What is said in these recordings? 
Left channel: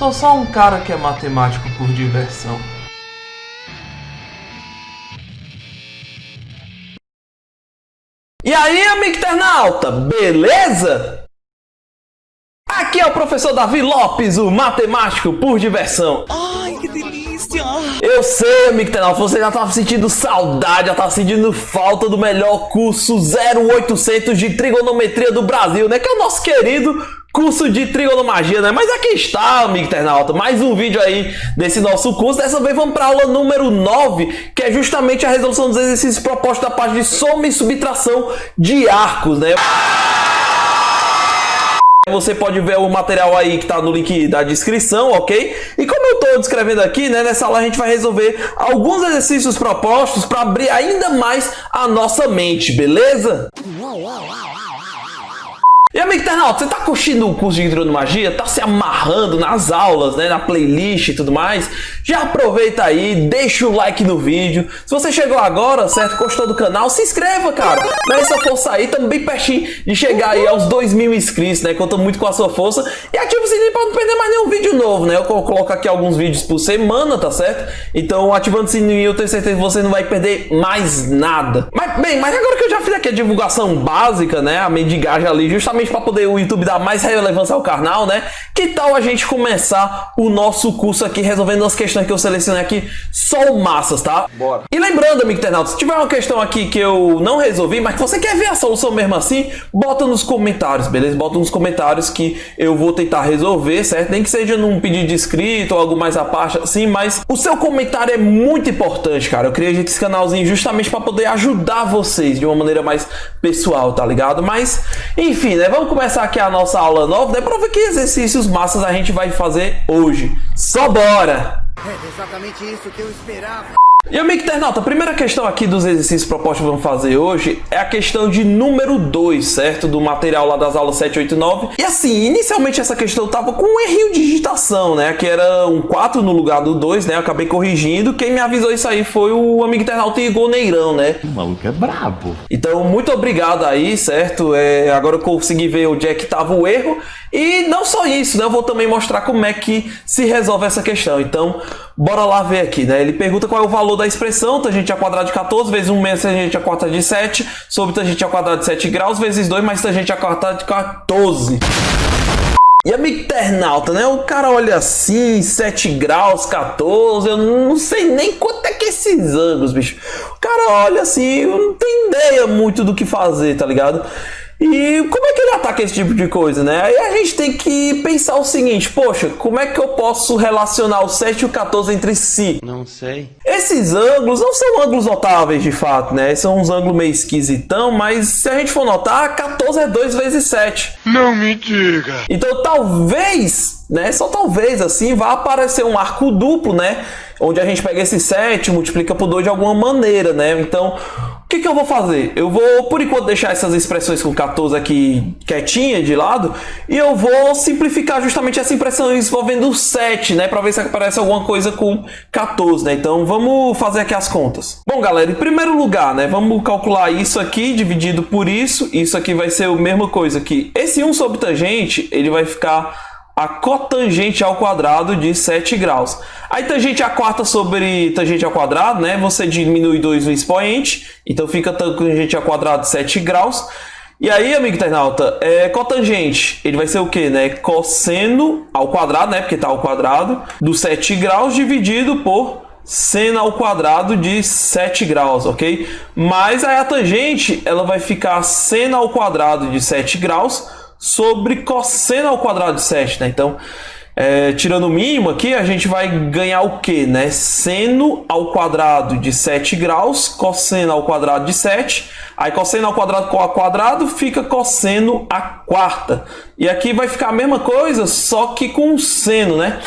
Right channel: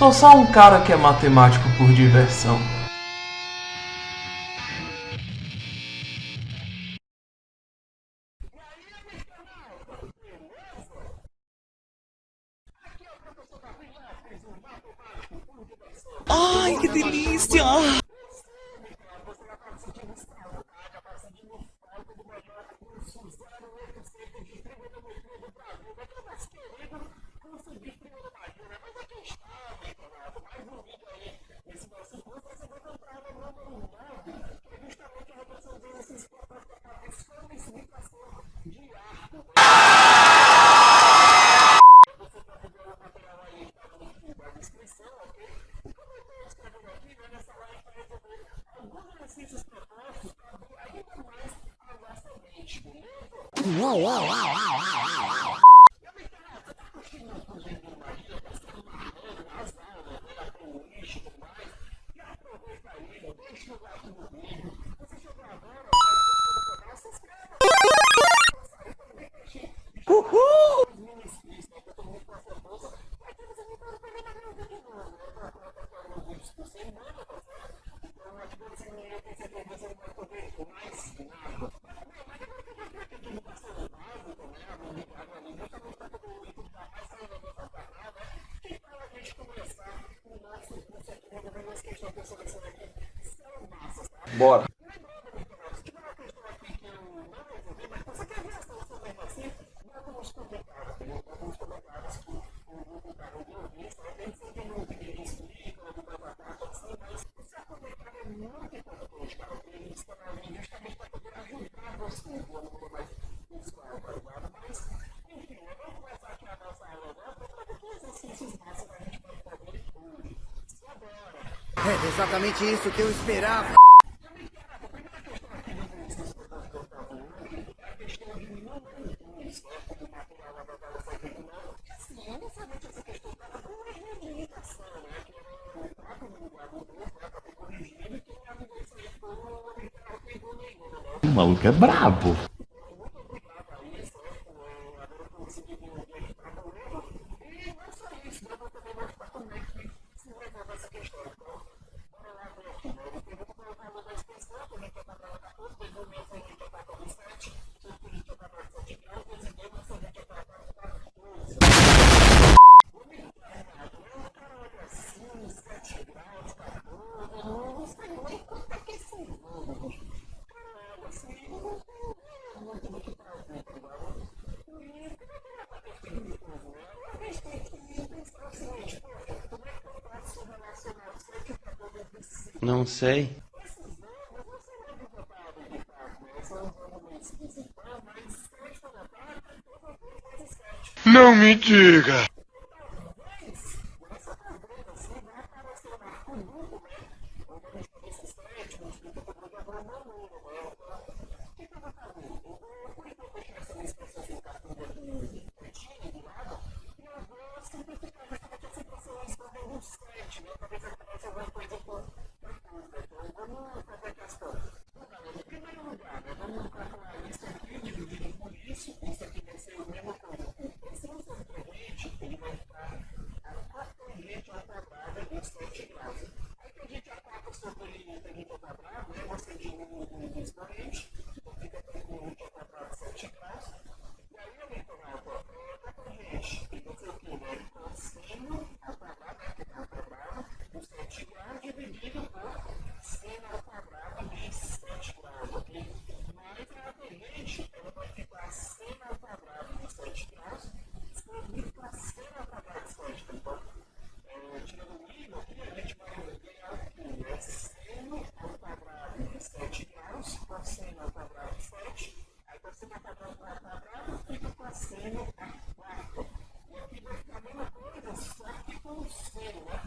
Sou só um cara que é matemático por diversão. E aí, amigo internauta, beleza? Aqui é o professor Davi Lopes, o matemático por diversão. Ai, que delícia! Eu sei, amigo internauta, você já estava sentindo saudade, já estava sentindo falta do melhor curso 0800 de trigonometria do Brasil, né? Que é o nosso querido curso de trigonomagia, né? Mas aqui está, amigo internauta, mais um vídeo aí desse nosso curso. Dessa vez vamos para a aula número 9, que é justamente a resolução dos exercícios propostos da parte de soma e subtração de arcos, né? Você pode ver o material aí que está no link da descrição, ok? E como eu estou descrevendo aqui, né, nessa aula a gente vai resolver alguns exercícios propostos para abrir ainda mais a nossa mente, beleza? E amigo internauta, você tá curtindo o curso de trigonomagia? Tá se amarrando nas aulas, né, na playlist e tudo mais? Já aproveita aí, deixa o like no vídeo. Se você chegou agora, certo, gostou do canal, se inscreva, cara. Dá essa força aí, estamos bem pertinho de chegar aí aos 2.000 inscritos, né? Conta muito com a sua força. E ativa o sininho para não perder mais nenhum vídeo novo, né? Eu coloco aqui alguns vídeos por semana, tá certo? Então, ativando o sininho, eu tenho certeza que você não vai perder mais nada. Mas agora que eu já fiz aqui a divulgação básica, né? A mendigagem ali, justamente para poder o YouTube dar mais relevância ao canal, né? Que tal a gente começar o nosso curso aqui resolvendo as questões que eu selecionei aqui só massas, tá? Bora! E lembrando, amigo internauta, se tiver uma questão aqui que eu não resolvi, mas que você quer ver a solução mesmo assim, bota nos comentários, beleza? Bota nos comentários que eu vou tentar resolver, certo? Nem que seja num pedido de inscrito ou algo mais à parte assim, mas o seu comentário é muito importante, cara. Eu criei esse canalzinho justamente para poder ajudar vocês de uma maneira mais pessoal, tá ligado? Mas, enfim, né? Vamos começar aqui a nossa aula nova, né? Para ver que exercícios massas a gente vai fazer hoje. Só bora! É exatamente isso que eu esperava. E amigo internauta, a primeira questão aqui dos exercícios propostos que vamos fazer hoje é a questão de número 2, certo? Do material lá das aulas 7, 8 e 9. E assim, inicialmente essa questão tava com um errinho de digitação, né? Que era um 4 no lugar do 2, né? Eu acabei corrigindo. Quem me avisou isso aí foi o amigo internauta Igor Neirão, né? O maluco é brabo. Então, muito obrigado aí, certo? Agora eu consegui ver onde é que tava o erro. E não só isso, né? Eu vou também mostrar como é que se resolve essa questão. Então, bora lá ver aqui, né? Ele pergunta qual é o valor da expressão tangente ao quadrado de 14 vezes 1 menos tangente ao quadrado de 7 sobre tangente ao quadrado de 7 graus vezes 2 mais tangente ao quadrado de 14. E amigo internauta, né? O cara olha assim, 7 graus, 14, eu não sei nem quanto é que é esses ângulos, bicho. O cara olha assim, eu não tenho ideia muito do que fazer, tá ligado? E como é que ele ataca esse tipo de coisa, né? Aí a gente tem que pensar o seguinte, poxa, como é que eu posso relacionar o 7 e o 14 entre si? Não sei. Esses ângulos não são ângulos notáveis de fato, né? São uns ângulos meio esquisitão, mas se a gente for notar, 14 é 2 vezes 7. Não me diga. Então talvez, né? Só talvez assim, vá aparecer um arco duplo, né? Onde a gente pega esse 7 e multiplica por 2 de alguma maneira, né? Então, o que eu vou fazer? Eu vou, por enquanto, deixar essas expressões com 14 aqui quietinha de lado e eu vou simplificar justamente essa expressão envolvendo o 7, né? Para ver se aparece alguma coisa com 14, né? Então, vamos fazer aqui as contas. Bom, galera, em primeiro lugar, né? Vamos calcular isso aqui dividido por isso. Isso aqui vai ser a mesma coisa aqui. Esse 1 sobre tangente, ele vai ficar a cotangente ao quadrado de 7 graus. Aí tangente a quarta sobre tangente ao quadrado, né? Você diminui 2 no expoente, então fica tangente ao quadrado de 7 graus. E aí, amigo internauta, cotangente, ele vai ser o quê, né? Cosseno ao quadrado, né? Porque tá ao quadrado, do 7 graus dividido por seno ao quadrado de 7 graus, ok? Mas aí a tangente, ela vai ficar seno ao quadrado de 7 graus sobre cosseno ao quadrado de 7, né? Então, tirando o mínimo aqui, a gente vai ganhar o quê, né? Seno ao quadrado de 7 graus, cosseno ao quadrado de 7. Aí cosseno ao quadrado fica cosseno à quarta. E aqui vai ficar a mesma coisa, só que com seno, né?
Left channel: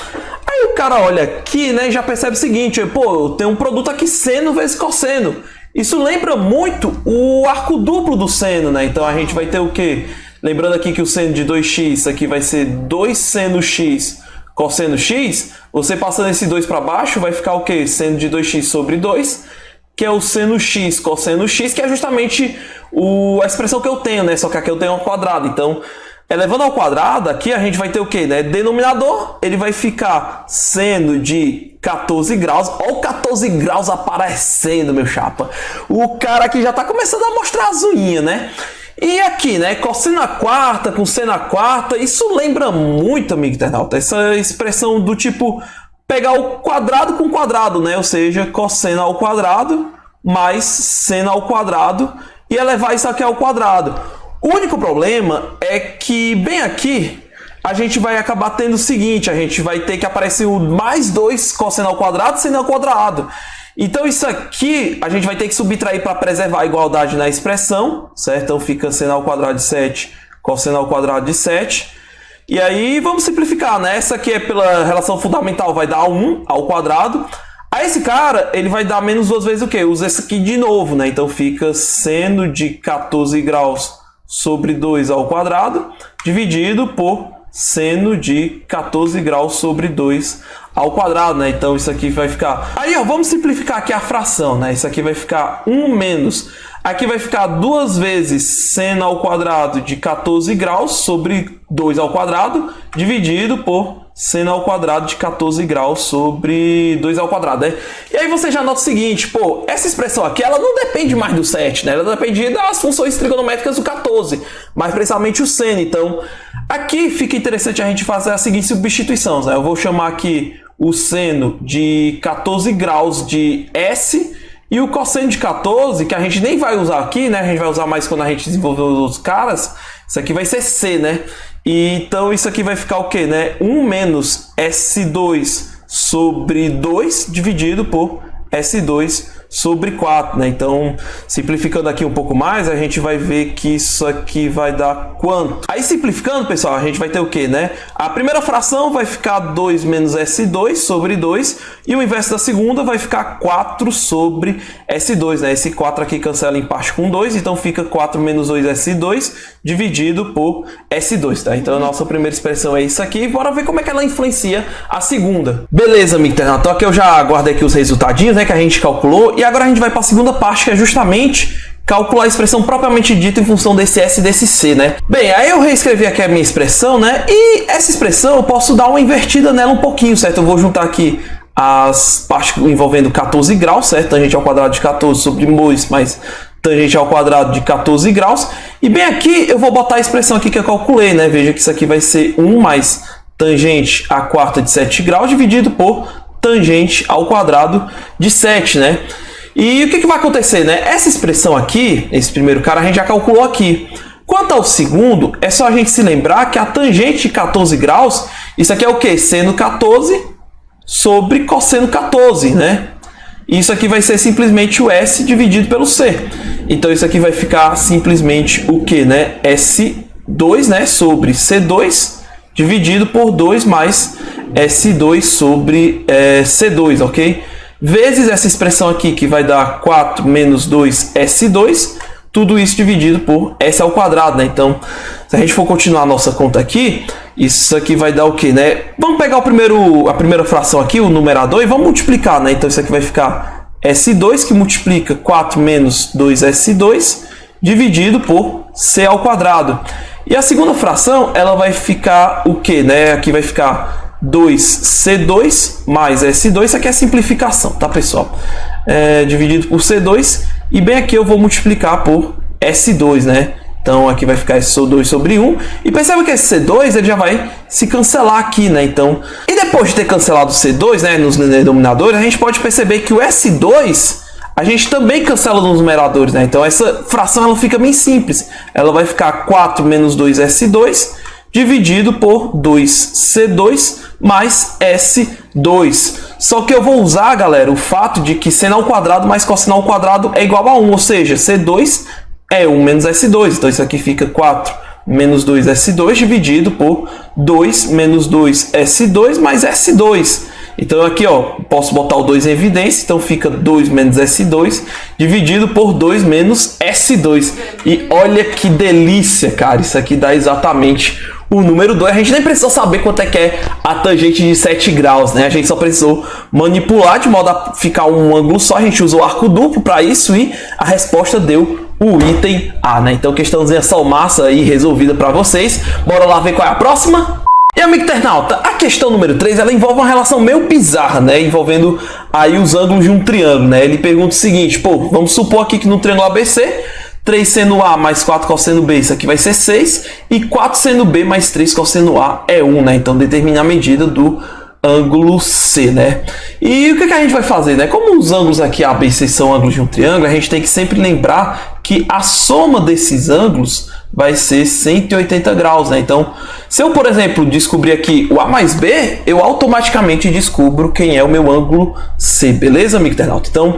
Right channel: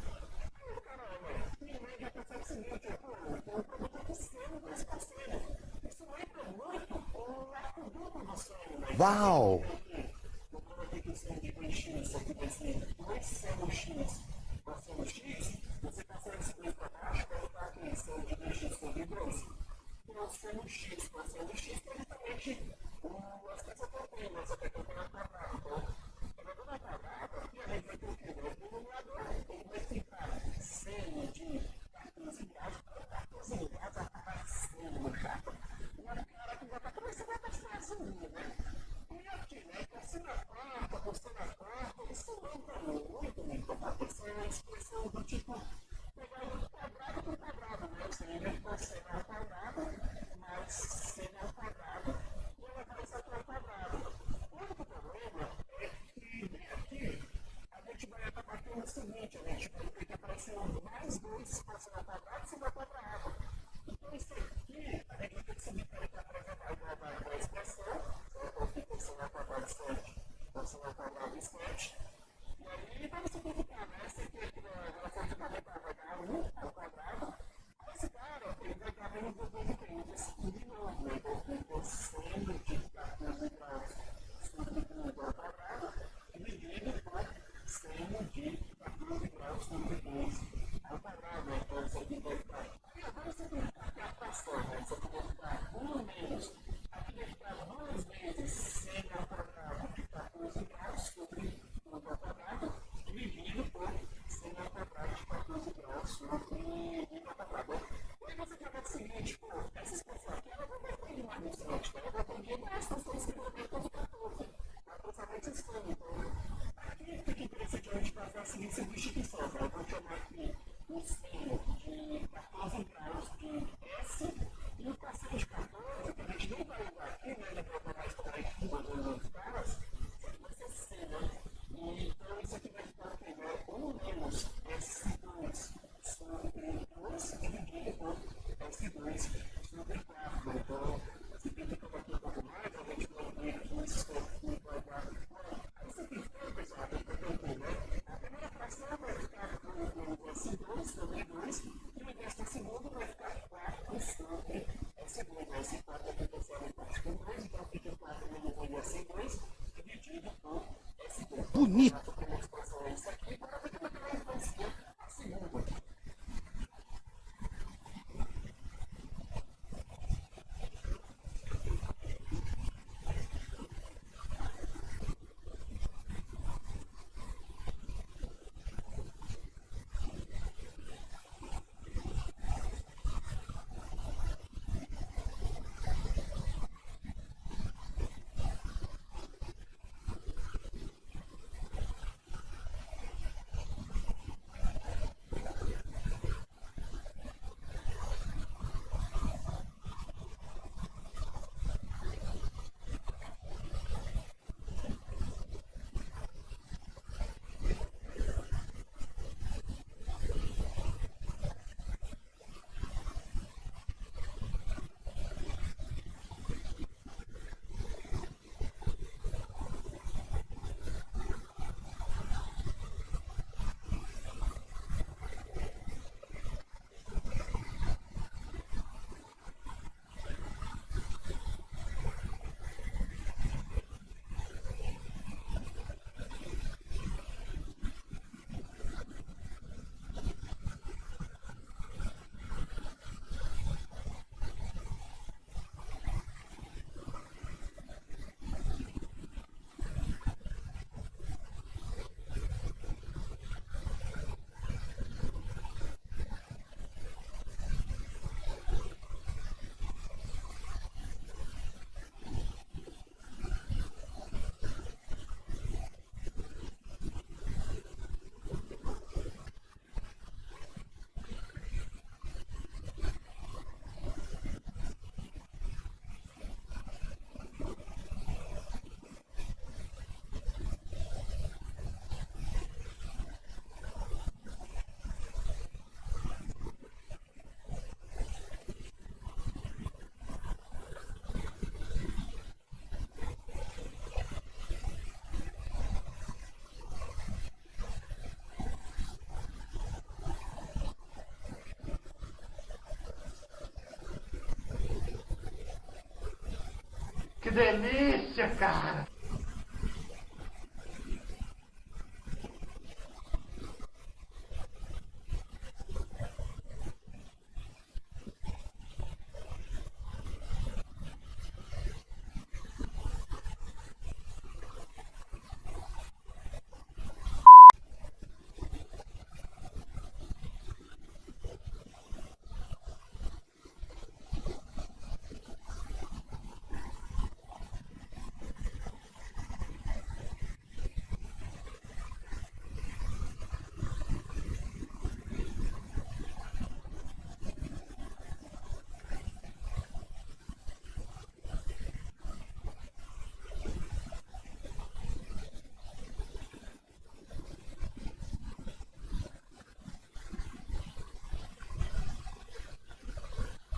Aí o cara olha aqui, né, e já percebe o seguinte, pô, tem um produto aqui seno vezes cosseno. Isso lembra muito o arco duplo do seno, né? Então a gente vai ter o quê? Lembrando aqui que o seno de 2x aqui vai ser 2 seno x cosseno x. Você passando esse 2 para baixo vai ficar o quê? Seno de 2x sobre 2, que é o seno x cosseno x, que é justamente a expressão que eu tenho, né? Só que aqui eu tenho ao quadrado. Então Elevando ao quadrado, aqui a gente vai ter o quê, né? Denominador, ele vai ficar seno de 14 graus. Olha o 14 graus aparecendo, meu chapa. O cara aqui já tá começando a mostrar as unhas, né? E aqui, né? Cosseno à quarta com seno à quarta. Isso lembra muito, amigo internauta, essa expressão do tipo pegar o quadrado com quadrado, né? Ou seja, cosseno ao quadrado mais seno ao quadrado e elevar isso aqui ao quadrado. O único problema é que bem aqui a gente vai acabar tendo o seguinte, a gente vai ter que aparecer o mais 2 cosseno ao quadrado, seno ao quadrado. Então isso aqui a gente vai ter que subtrair para preservar a igualdade na expressão, certo? Então fica seno ao quadrado de 7, cosseno ao quadrado de 7. E aí vamos simplificar, né? Essa aqui é pela relação fundamental, vai dar 1 ao quadrado. Aí esse cara, ele vai dar menos 2 vezes o quê? Usa esse aqui de novo, né? Então fica seno de 14 graus sobre 2 ao quadrado, dividido por seno de 14 graus sobre 2 ao quadrado, né? Então isso aqui vai ficar... Aí, ó, vamos simplificar aqui a fração, né? Isso aqui vai ficar 1 menos... Aqui vai ficar 2 vezes seno ao quadrado de 14 graus sobre 2 ao quadrado, dividido por seno ao quadrado de 14 graus sobre 2 ao quadrado, né? E aí você já nota o seguinte, pô, essa expressão aqui, ela não depende mais do 7, né? Ela depende das funções trigonométricas do 14, mais precisamente o seno. Então, aqui fica interessante a gente fazer a seguinte substituição, né? Eu vou chamar aqui o seno de 14 graus de S e o cosseno de 14, que a gente nem vai usar aqui, né? A gente vai usar mais quando a gente desenvolver os outros caras. Isso aqui vai ser C, né? E então isso aqui vai ficar o quê, né? 1 menos S2 sobre 2 dividido por S2 sobre 4, né? Então, simplificando aqui um pouco mais, a gente vai ver que isso aqui vai dar quanto? Aí, simplificando, pessoal, a gente vai ter o quê, né? A primeira fração vai ficar 2 menos S2 sobre 2, e o inverso da segunda vai ficar 4 sobre S2, né? Esse 4 aqui cancela em parte com 2, então fica 4 menos 2S2 dividido por S2, tá? Então, a nossa primeira expressão é isso aqui. Bora ver como é que ela influencia a segunda. Beleza, amigo internauta. Então, aqui eu já guardei aqui os resultadinhos, né, que a gente calculou. E agora a gente vai para a segunda parte, que é justamente calcular a expressão propriamente dita em função desse S e desse C, né? Bem, aí eu reescrevi aqui a minha expressão, né? E essa expressão eu posso dar uma invertida nela um pouquinho, certo? Eu vou juntar aqui as partes envolvendo 14 graus, certo? Tangente ao quadrado de 14 sobre 2 mais tangente ao quadrado de 14 graus. E bem aqui eu vou botar a expressão aqui que eu calculei, né? Veja que isso aqui vai ser 1 mais tangente à quarta de 7 graus dividido por tangente ao quadrado de 7, né? E o que vai acontecer, né? Essa expressão aqui, esse primeiro cara, a gente já calculou aqui. Quanto ao segundo, é só a gente se lembrar que a tangente de 14 graus, isso aqui é o quê? Seno 14 sobre cosseno 14, né? Isso aqui vai ser simplesmente o S dividido pelo C. Então isso aqui vai ficar simplesmente o quê, né? S2, né? Sobre C2 dividido por 2 mais S2 sobre C2, ok? Vezes essa expressão aqui, que vai dar 4 menos 2S2, tudo isso dividido por S ao quadrado, né? Então, se a gente for continuar a nossa conta aqui, isso aqui vai dar o quê, né? Vamos pegar a primeira fração aqui, o numerador, e vamos multiplicar, né? Então, isso aqui vai ficar S2, que multiplica 4 menos 2S2, dividido por C ao quadrado. E a segunda fração, ela vai ficar o quê, né? Aqui vai ficar 2C2 mais S2, isso aqui é simplificação, tá, pessoal? Dividido por C2, e bem aqui eu vou multiplicar por S2, né? Então aqui vai ficar S2 sobre 1, e perceba que esse C2 ele já vai se cancelar aqui, né? Então, e depois de ter cancelado o C2, né, nos denominadores, a gente pode perceber que o S2 a gente também cancela nos numeradores, né? Então essa fração ela fica bem simples, ela vai ficar 4 menos 2S2 dividido por 2C2 mais S2. Só que eu vou usar, galera, o fato de que seno ao quadrado mais cosseno ao quadrado é igual a 1, ou seja, C2 é 1 menos S2. Então isso aqui fica 4 menos 2S2 dividido por 2 menos 2S2 mais S2. Então aqui, ó, posso botar o 2 em evidência, então fica 2 menos S2 dividido por 2 menos S2. E olha que delícia, cara, isso aqui dá exatamente o número 2, a gente nem precisou saber quanto é que é a tangente de 7 graus, né? A gente só precisou manipular de modo a ficar um ângulo só. A gente usou arco duplo para isso e a resposta deu o item A, né? Então, questãozinha só massa aí resolvida para vocês. Bora lá ver qual é a próxima? E, amigo internauta, a questão número 3, ela envolve uma relação meio bizarra, né? Envolvendo aí os ângulos de um triângulo, né? Ele pergunta o seguinte, pô, vamos supor aqui que no triângulo ABC, 3 seno A mais 4 cosseno B, isso aqui vai ser 6, e 4 seno B mais 3 cosseno A é 1, né? Então determina a medida do ângulo C, né? E o que a gente vai fazer, né? Como os ângulos aqui A, B e C são ângulos de um triângulo, a gente tem que sempre lembrar que a soma desses ângulos vai ser 180 graus, né? Então, se eu, por exemplo, descobrir aqui o A mais B, eu automaticamente descubro quem é o meu ângulo C, beleza, amigo internauta? Então,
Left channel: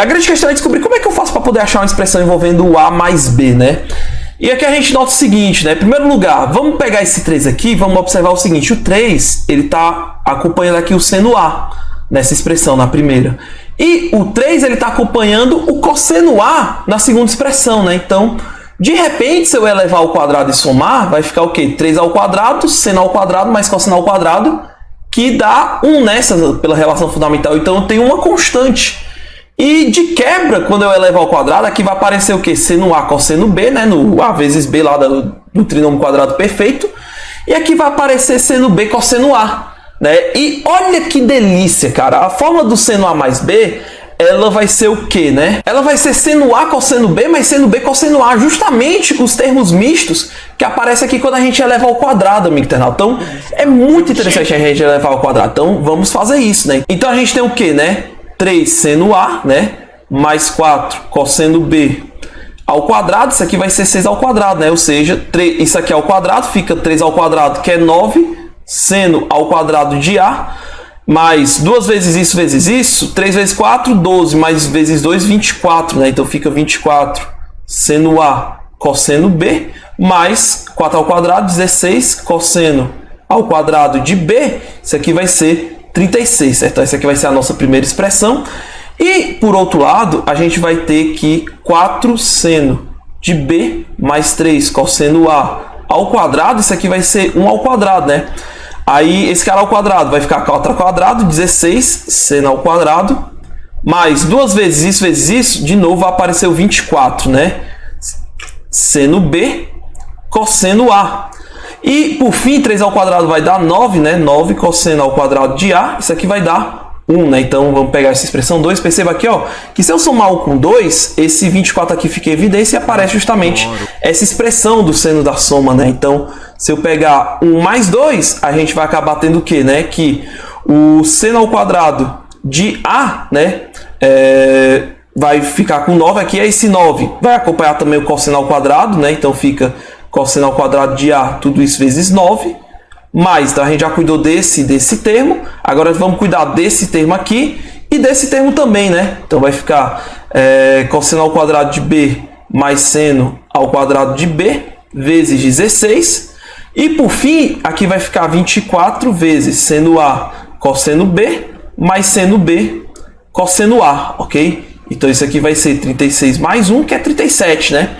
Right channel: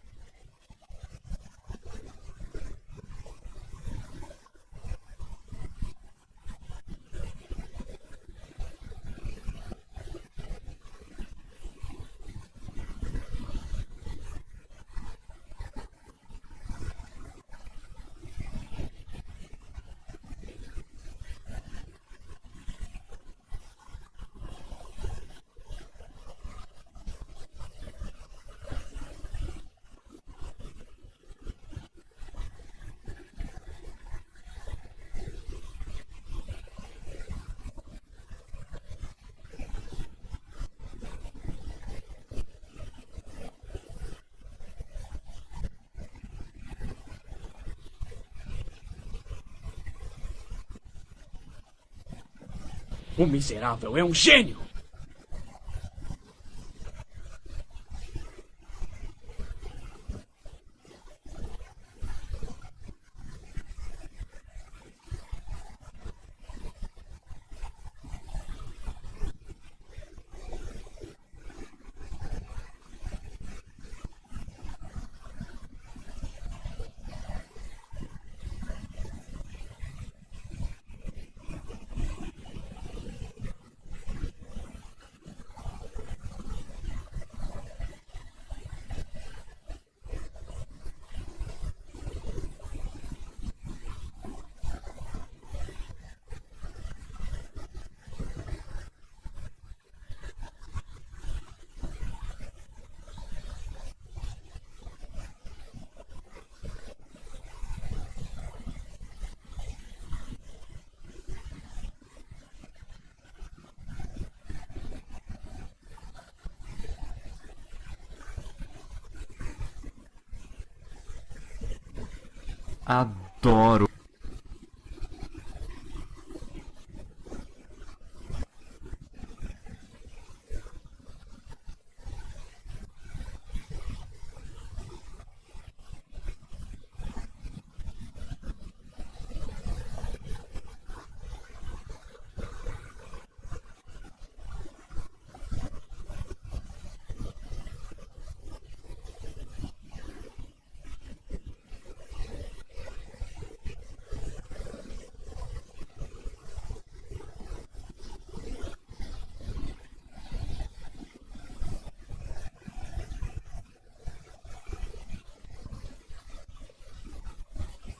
a grande questão é descobrir como é que eu faço para poder achar uma expressão envolvendo o A mais B, né? E aqui a gente nota o seguinte, né? Em primeiro lugar, vamos pegar esse 3 aqui, vamos observar o seguinte, o 3, ele está acompanhando aqui o seno A, nessa expressão, na primeira. E o 3, ele está acompanhando o cosseno A na segunda expressão, né? Então, de repente, se eu elevar ao quadrado e somar, vai ficar o quê? 3 ao quadrado, seno ao quadrado, mais cosseno ao quadrado, que dá 1 nessa, pela relação fundamental. Então, eu tenho uma constante. E de quebra, quando eu elevar ao quadrado, aqui vai aparecer o quê? Seno A cosseno B, né? No A vezes B lá do trinômio quadrado perfeito. E aqui vai aparecer seno B cosseno A, né? E olha que delícia, cara. A fórmula do seno A mais B, ela vai ser o quê, né? Ela vai ser seno A cosseno B mais seno B cosseno A. Justamente os termos mistos que aparecem aqui quando a gente eleva ao quadrado, amigo internauta. Então, é muito interessante a gente elevar ao quadrado. Então, vamos fazer isso, né? Então, a gente tem o quê, né? 3 seno A, né? Mais 4 cosseno B ao quadrado. Isso aqui vai ser 6 ao quadrado, né? Ou seja, isso aqui ao quadrado, fica 3 ao quadrado, que é 9. Seno ao quadrado de A. Mais 2 vezes isso. 3 vezes 4, 12. Mais vezes 2, 24, né? Então fica 24 seno A cosseno B. Mais 4 ao quadrado, 16 cosseno ao quadrado de B. Isso aqui vai ser 36, certo? Essa aqui vai ser a nossa primeira expressão. E, por outro lado, a gente vai ter que 4 seno de B mais 3 cosseno A ao quadrado. Isso aqui vai ser 1 ao quadrado, né? Aí, esse cara ao quadrado vai ficar 4 ao quadrado, 16 seno ao quadrado. Mais 2 vezes isso, de novo vai aparecer o 24, né? Seno B cosseno A. E, por fim, 3 ao quadrado vai dar 9, né? 9 cosseno ao quadrado de A. Isso aqui vai dar 1, né? Então, vamos pegar essa expressão 2. Perceba aqui, ó, que se eu somar 1 com 2, esse 24 aqui fica em evidência e aparece justamente essa expressão do seno da soma, né? Então, se eu pegar 1 mais 2, a gente vai acabar tendo o quê, né? Que o seno ao quadrado de A, né? Vai ficar com 9 aqui. Esse 9 vai acompanhar também o cosseno ao quadrado, né? Então, fica cosseno ao quadrado de A, tudo isso vezes 9. Mais, então a gente já cuidou desse termo. Agora vamos cuidar desse termo aqui e desse termo também, né? Então vai ficar cosseno ao quadrado de B mais seno ao quadrado de B vezes 16. E por fim, aqui vai ficar 24 vezes seno A cosseno B mais seno B cosseno A, ok? Então isso aqui vai ser 36 mais 1, que é 37, né?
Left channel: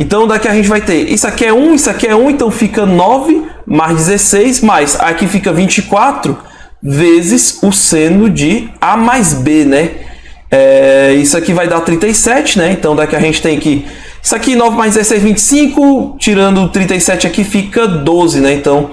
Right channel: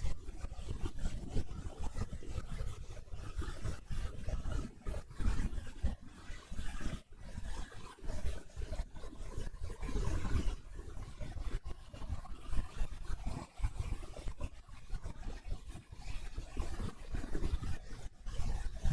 Então, daqui a gente vai ter, isso aqui é 1, isso aqui é 1, então fica 9 mais 16, mais aqui fica 24 vezes o seno de A mais B, né? Isso aqui vai dar 37, né? Então, daqui a gente tem que, isso aqui 9 mais 16, 25, tirando 37 aqui fica 12, né? Então,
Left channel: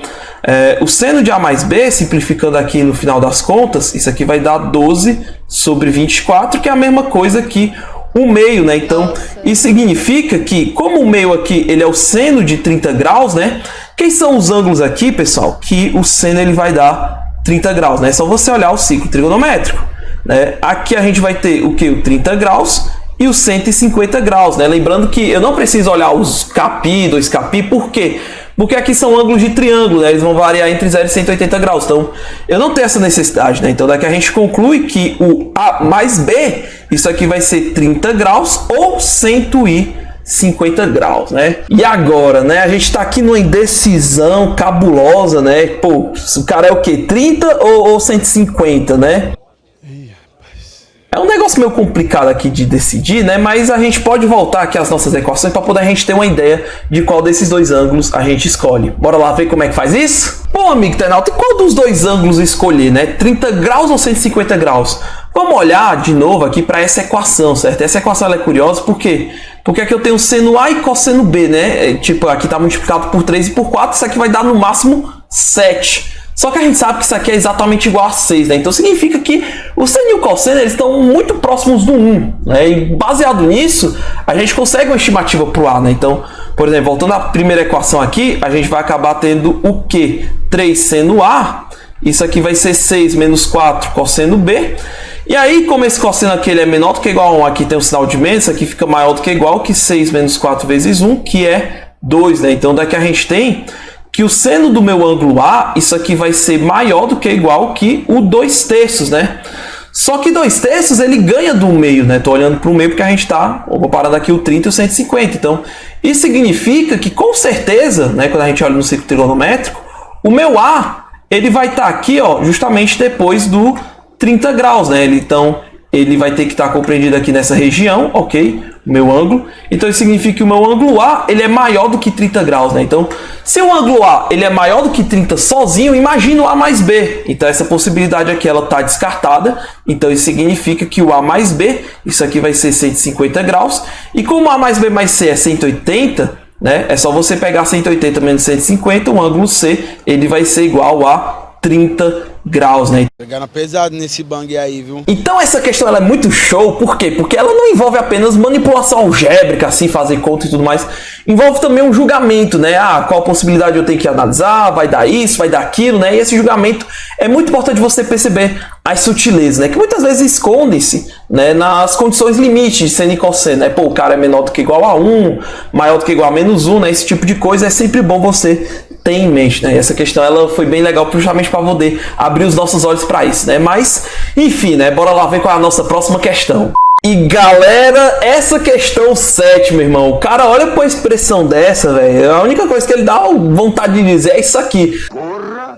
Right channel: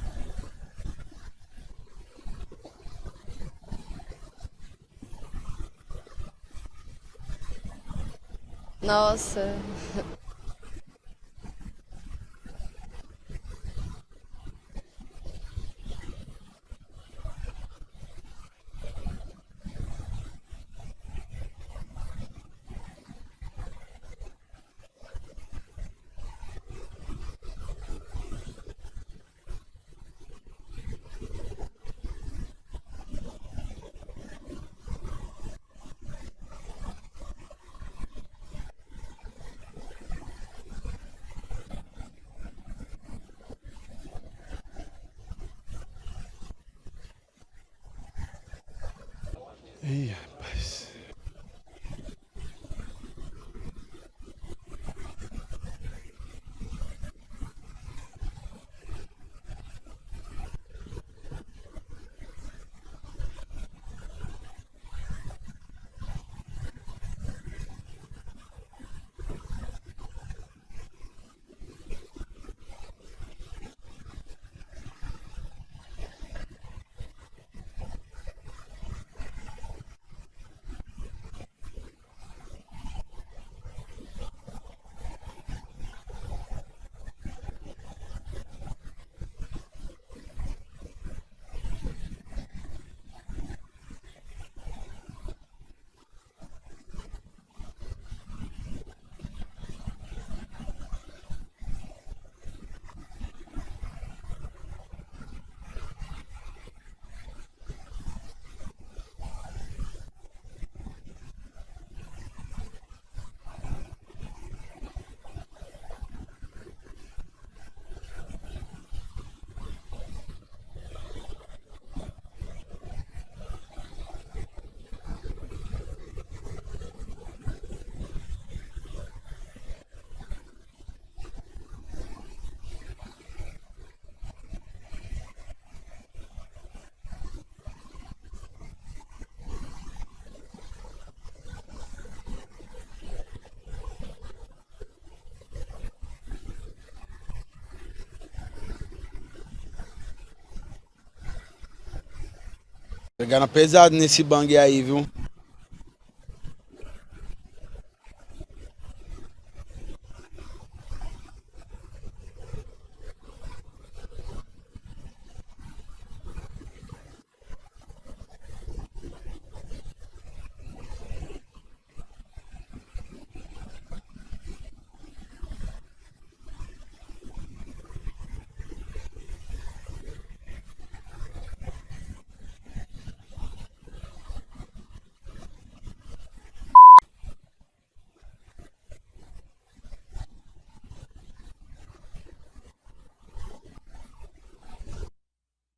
o seno de A mais B, simplificando aqui no final das contas, isso aqui vai dar 12 sobre 24, que é a mesma coisa que o meio, né? Então, isso significa que, como o meio aqui ele é o seno de 30 graus, né? Quem são os ângulos aqui, pessoal? Que o seno ele vai dar 30 graus, né? É só você olhar o ciclo trigonométrico, né? Aqui a gente vai ter o que? O 30 graus e os 150 graus, né? Lembrando que eu não preciso olhar os capi, 2 capi, por quê? Porque aqui são ângulos de triângulo, né? Eles vão variar entre 0 e 180 graus. Então, eu não tenho essa necessidade, né? Então, daqui a gente conclui que o A mais B, isso aqui vai ser 30 graus ou 150 graus, né? E agora, né? A gente tá aqui numa indecisão cabulosa, né? Pô, o cara é o quê? 30 ou 150, né? É um negócio meio complicado aqui de decidir, né? Mas a gente pode voltar aqui às nossas equações para poder a gente ter uma ideia de qual desses dois ângulos a gente escolhe. Bora lá ver como é que faz isso? Bom, amigo internauta, e qual dos dois ângulos escolher, né? 30 graus ou 150 graus? Vamos olhar de novo aqui para essa equação, certo? Essa equação ela é curiosa por quê? Porque aqui eu tenho seno A e cosseno B, né? Tipo, aqui está multiplicado por 3 e por 4, isso aqui vai dar no máximo 7. Só que a gente sabe que isso aqui é exatamente igual a 6, né? Então significa que o seno e o cosseno eles estão muito próximos do 1, né? E baseado nisso, a gente consegue uma estimativa para o A, né? Então, por exemplo, voltando à primeira equação aqui, a gente vai acabar tendo o quê? 3 seno A, isso aqui vai ser 6 menos 4 cosseno B. E aí, como esse cosseno aqui ele é menor do que igual a 1, aqui tem um sinal de menos, isso aqui fica maior do que igual que 6 menos 4 vezes 1, que é 2, né? Então daqui a gente tem que o seno do meu ângulo A, isso aqui vai ser maior do que igual que o 2/3, né? Só que 2/3 ele ganha do meio, né? Tô olhando para o meio porque a gente tá comparando aqui o 30 e o 150. Então, isso significa que com certeza, né, quando a gente olha no círculo trigonométrico, o meu A, ele vai estar aqui, ó, justamente depois do 30 graus, né? Então, ele vai ter que estar compreendido aqui nessa região, ok? O meu ângulo. Então, isso significa que o meu ângulo A, ele é maior do que 30 graus, né? Então, se o ângulo A, ele é maior do que 30 sozinho, imagina o A mais B. Então, essa possibilidade aqui, ela está descartada. Então, isso significa que o A mais B, isso aqui vai ser 150 graus. E como A mais B mais C é 180, né? É só você pegar 180 menos 150, o ângulo C, ele vai ser igual a 30 graus, né? Pegando pesado nesse bang aí, viu? Então essa questão ela é muito show, por quê? Porque ela não envolve apenas manipulação algébrica, assim, fazer conta e tudo mais. Envolve também um julgamento, né? Ah, qual possibilidade eu tenho que analisar, vai dar isso, vai dar aquilo, né? E esse julgamento é muito importante você perceber as sutilezas, né? Que muitas vezes escondem-se, né, nas condições limites de seno e cosseno, né? Pô, o cara é menor do que igual a 1, maior do que igual a menos 1, né? Esse tipo de coisa é sempre bom você ter em mente, né? E essa questão ela foi bem legal justamente para poder abrir os nossos olhos para isso, né? Mas, enfim, né? Bora lá ver qual é a nossa próxima questão. E galera, essa questão 7, meu irmão, o cara olha pra uma expressão dessa, velho, a única coisa que ele dá vontade de dizer é isso aqui. Porra,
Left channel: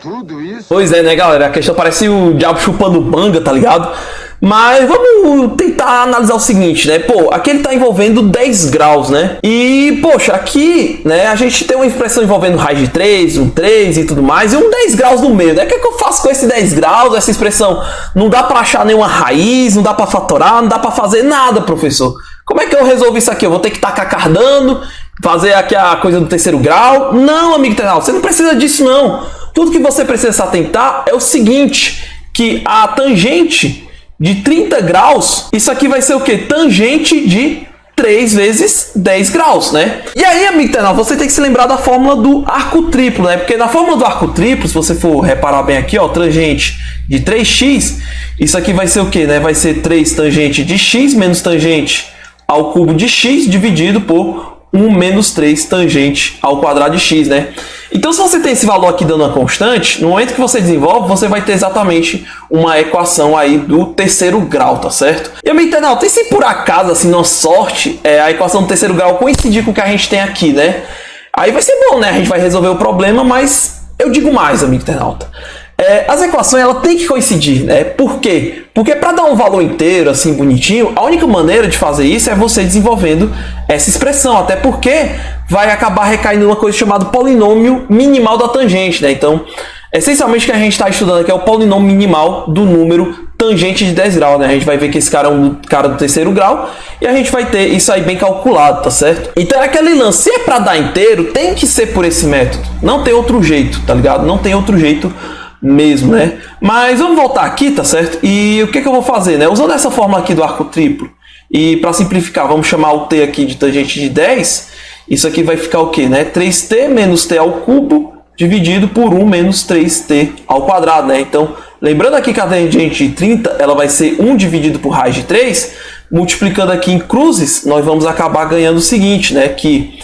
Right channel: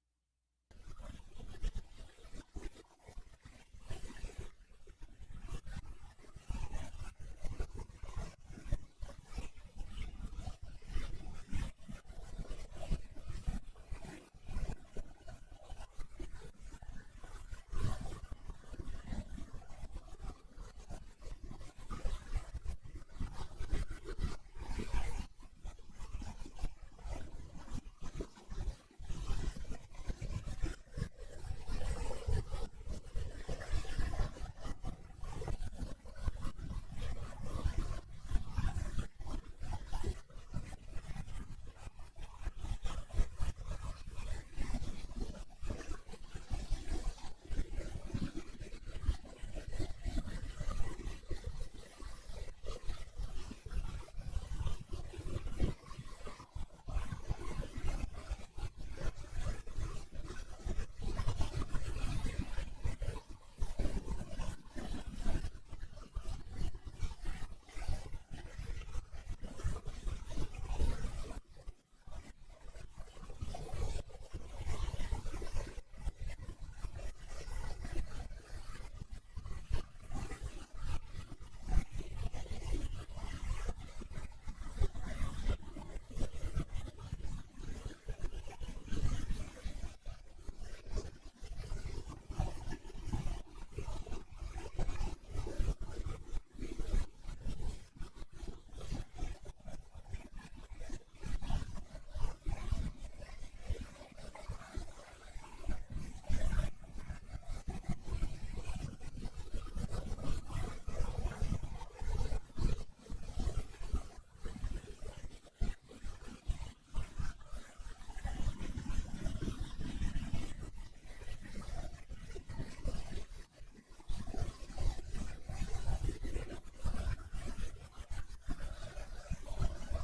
tudo isso? Pois é, né, galera? A questão parece o diabo chupando manga, tá ligado? Mas vamos tentar analisar o seguinte, né? Pô, aqui ele tá envolvendo 10 graus, né? E, poxa, aqui, né, a gente tem uma expressão envolvendo raiz de 3, um 3 e tudo mais, e um 10 graus no meio, né? O que é que eu faço com esse 10 graus? Essa expressão não dá pra achar nenhuma raiz, não dá pra fatorar, não dá pra fazer nada, professor. Como é que eu resolvo isso aqui? Eu vou ter que tacar cardano, fazer aqui a coisa do terceiro grau? Não, amigo internauta, você não precisa disso, não. Tudo que você precisa se atentar é o seguinte, que a tangente de 30 graus, isso aqui vai ser o que? Tangente de 3 vezes 10 graus, né? E aí, amigo internauta, você tem que se lembrar da fórmula do arco triplo, né? Porque na fórmula do arco triplo, se você for reparar bem aqui, ó, tangente de 3x, isso aqui vai ser o que, né? Vai ser 3 tangente de x menos tangente ao cubo de x dividido por 1 menos 3 tangente ao quadrado de x, né? Então, se você tem esse valor aqui dando uma constante, no momento que você desenvolve, você vai ter exatamente uma equação aí do terceiro grau, tá certo? E, amigo internauta, e se por acaso, assim, na sorte, a equação do terceiro grau coincidir com o que a gente tem aqui, né? Aí vai ser bom, né? A gente vai resolver o problema, mas eu digo mais, amigo internauta. As equações ela tem que coincidir, né? Por quê? Porque para dar um valor inteiro, assim, bonitinho, a única maneira de fazer isso é você desenvolvendo essa expressão, até porque vai acabar recaindo numa coisa chamada polinômio minimal da tangente, né? Então, essencialmente o que a gente está estudando aqui é o polinômio minimal do número tangente de 10 graus, né? A gente vai ver que esse cara é um cara do terceiro grau e a gente vai ter isso aí bem calculado, tá certo? Então é aquele lance, se é para dar inteiro, tem que ser por esse método. Não tem outro jeito, tá ligado? Não tem outro jeito mesmo, né? Mas vamos voltar aqui, tá certo? E o que que eu vou fazer, né? Usando essa fórmula aqui do arco triplo, e para simplificar, vamos chamar o t aqui de tangente de 10, isso aqui vai ficar o quê, né? 3t menos t ao cubo dividido por 1 menos 3t ao quadrado, né? Então, lembrando aqui que a tangente de 30, ela vai ser 1 dividido por raiz de 3, multiplicando aqui em cruzes, nós vamos acabar ganhando o seguinte, né? Que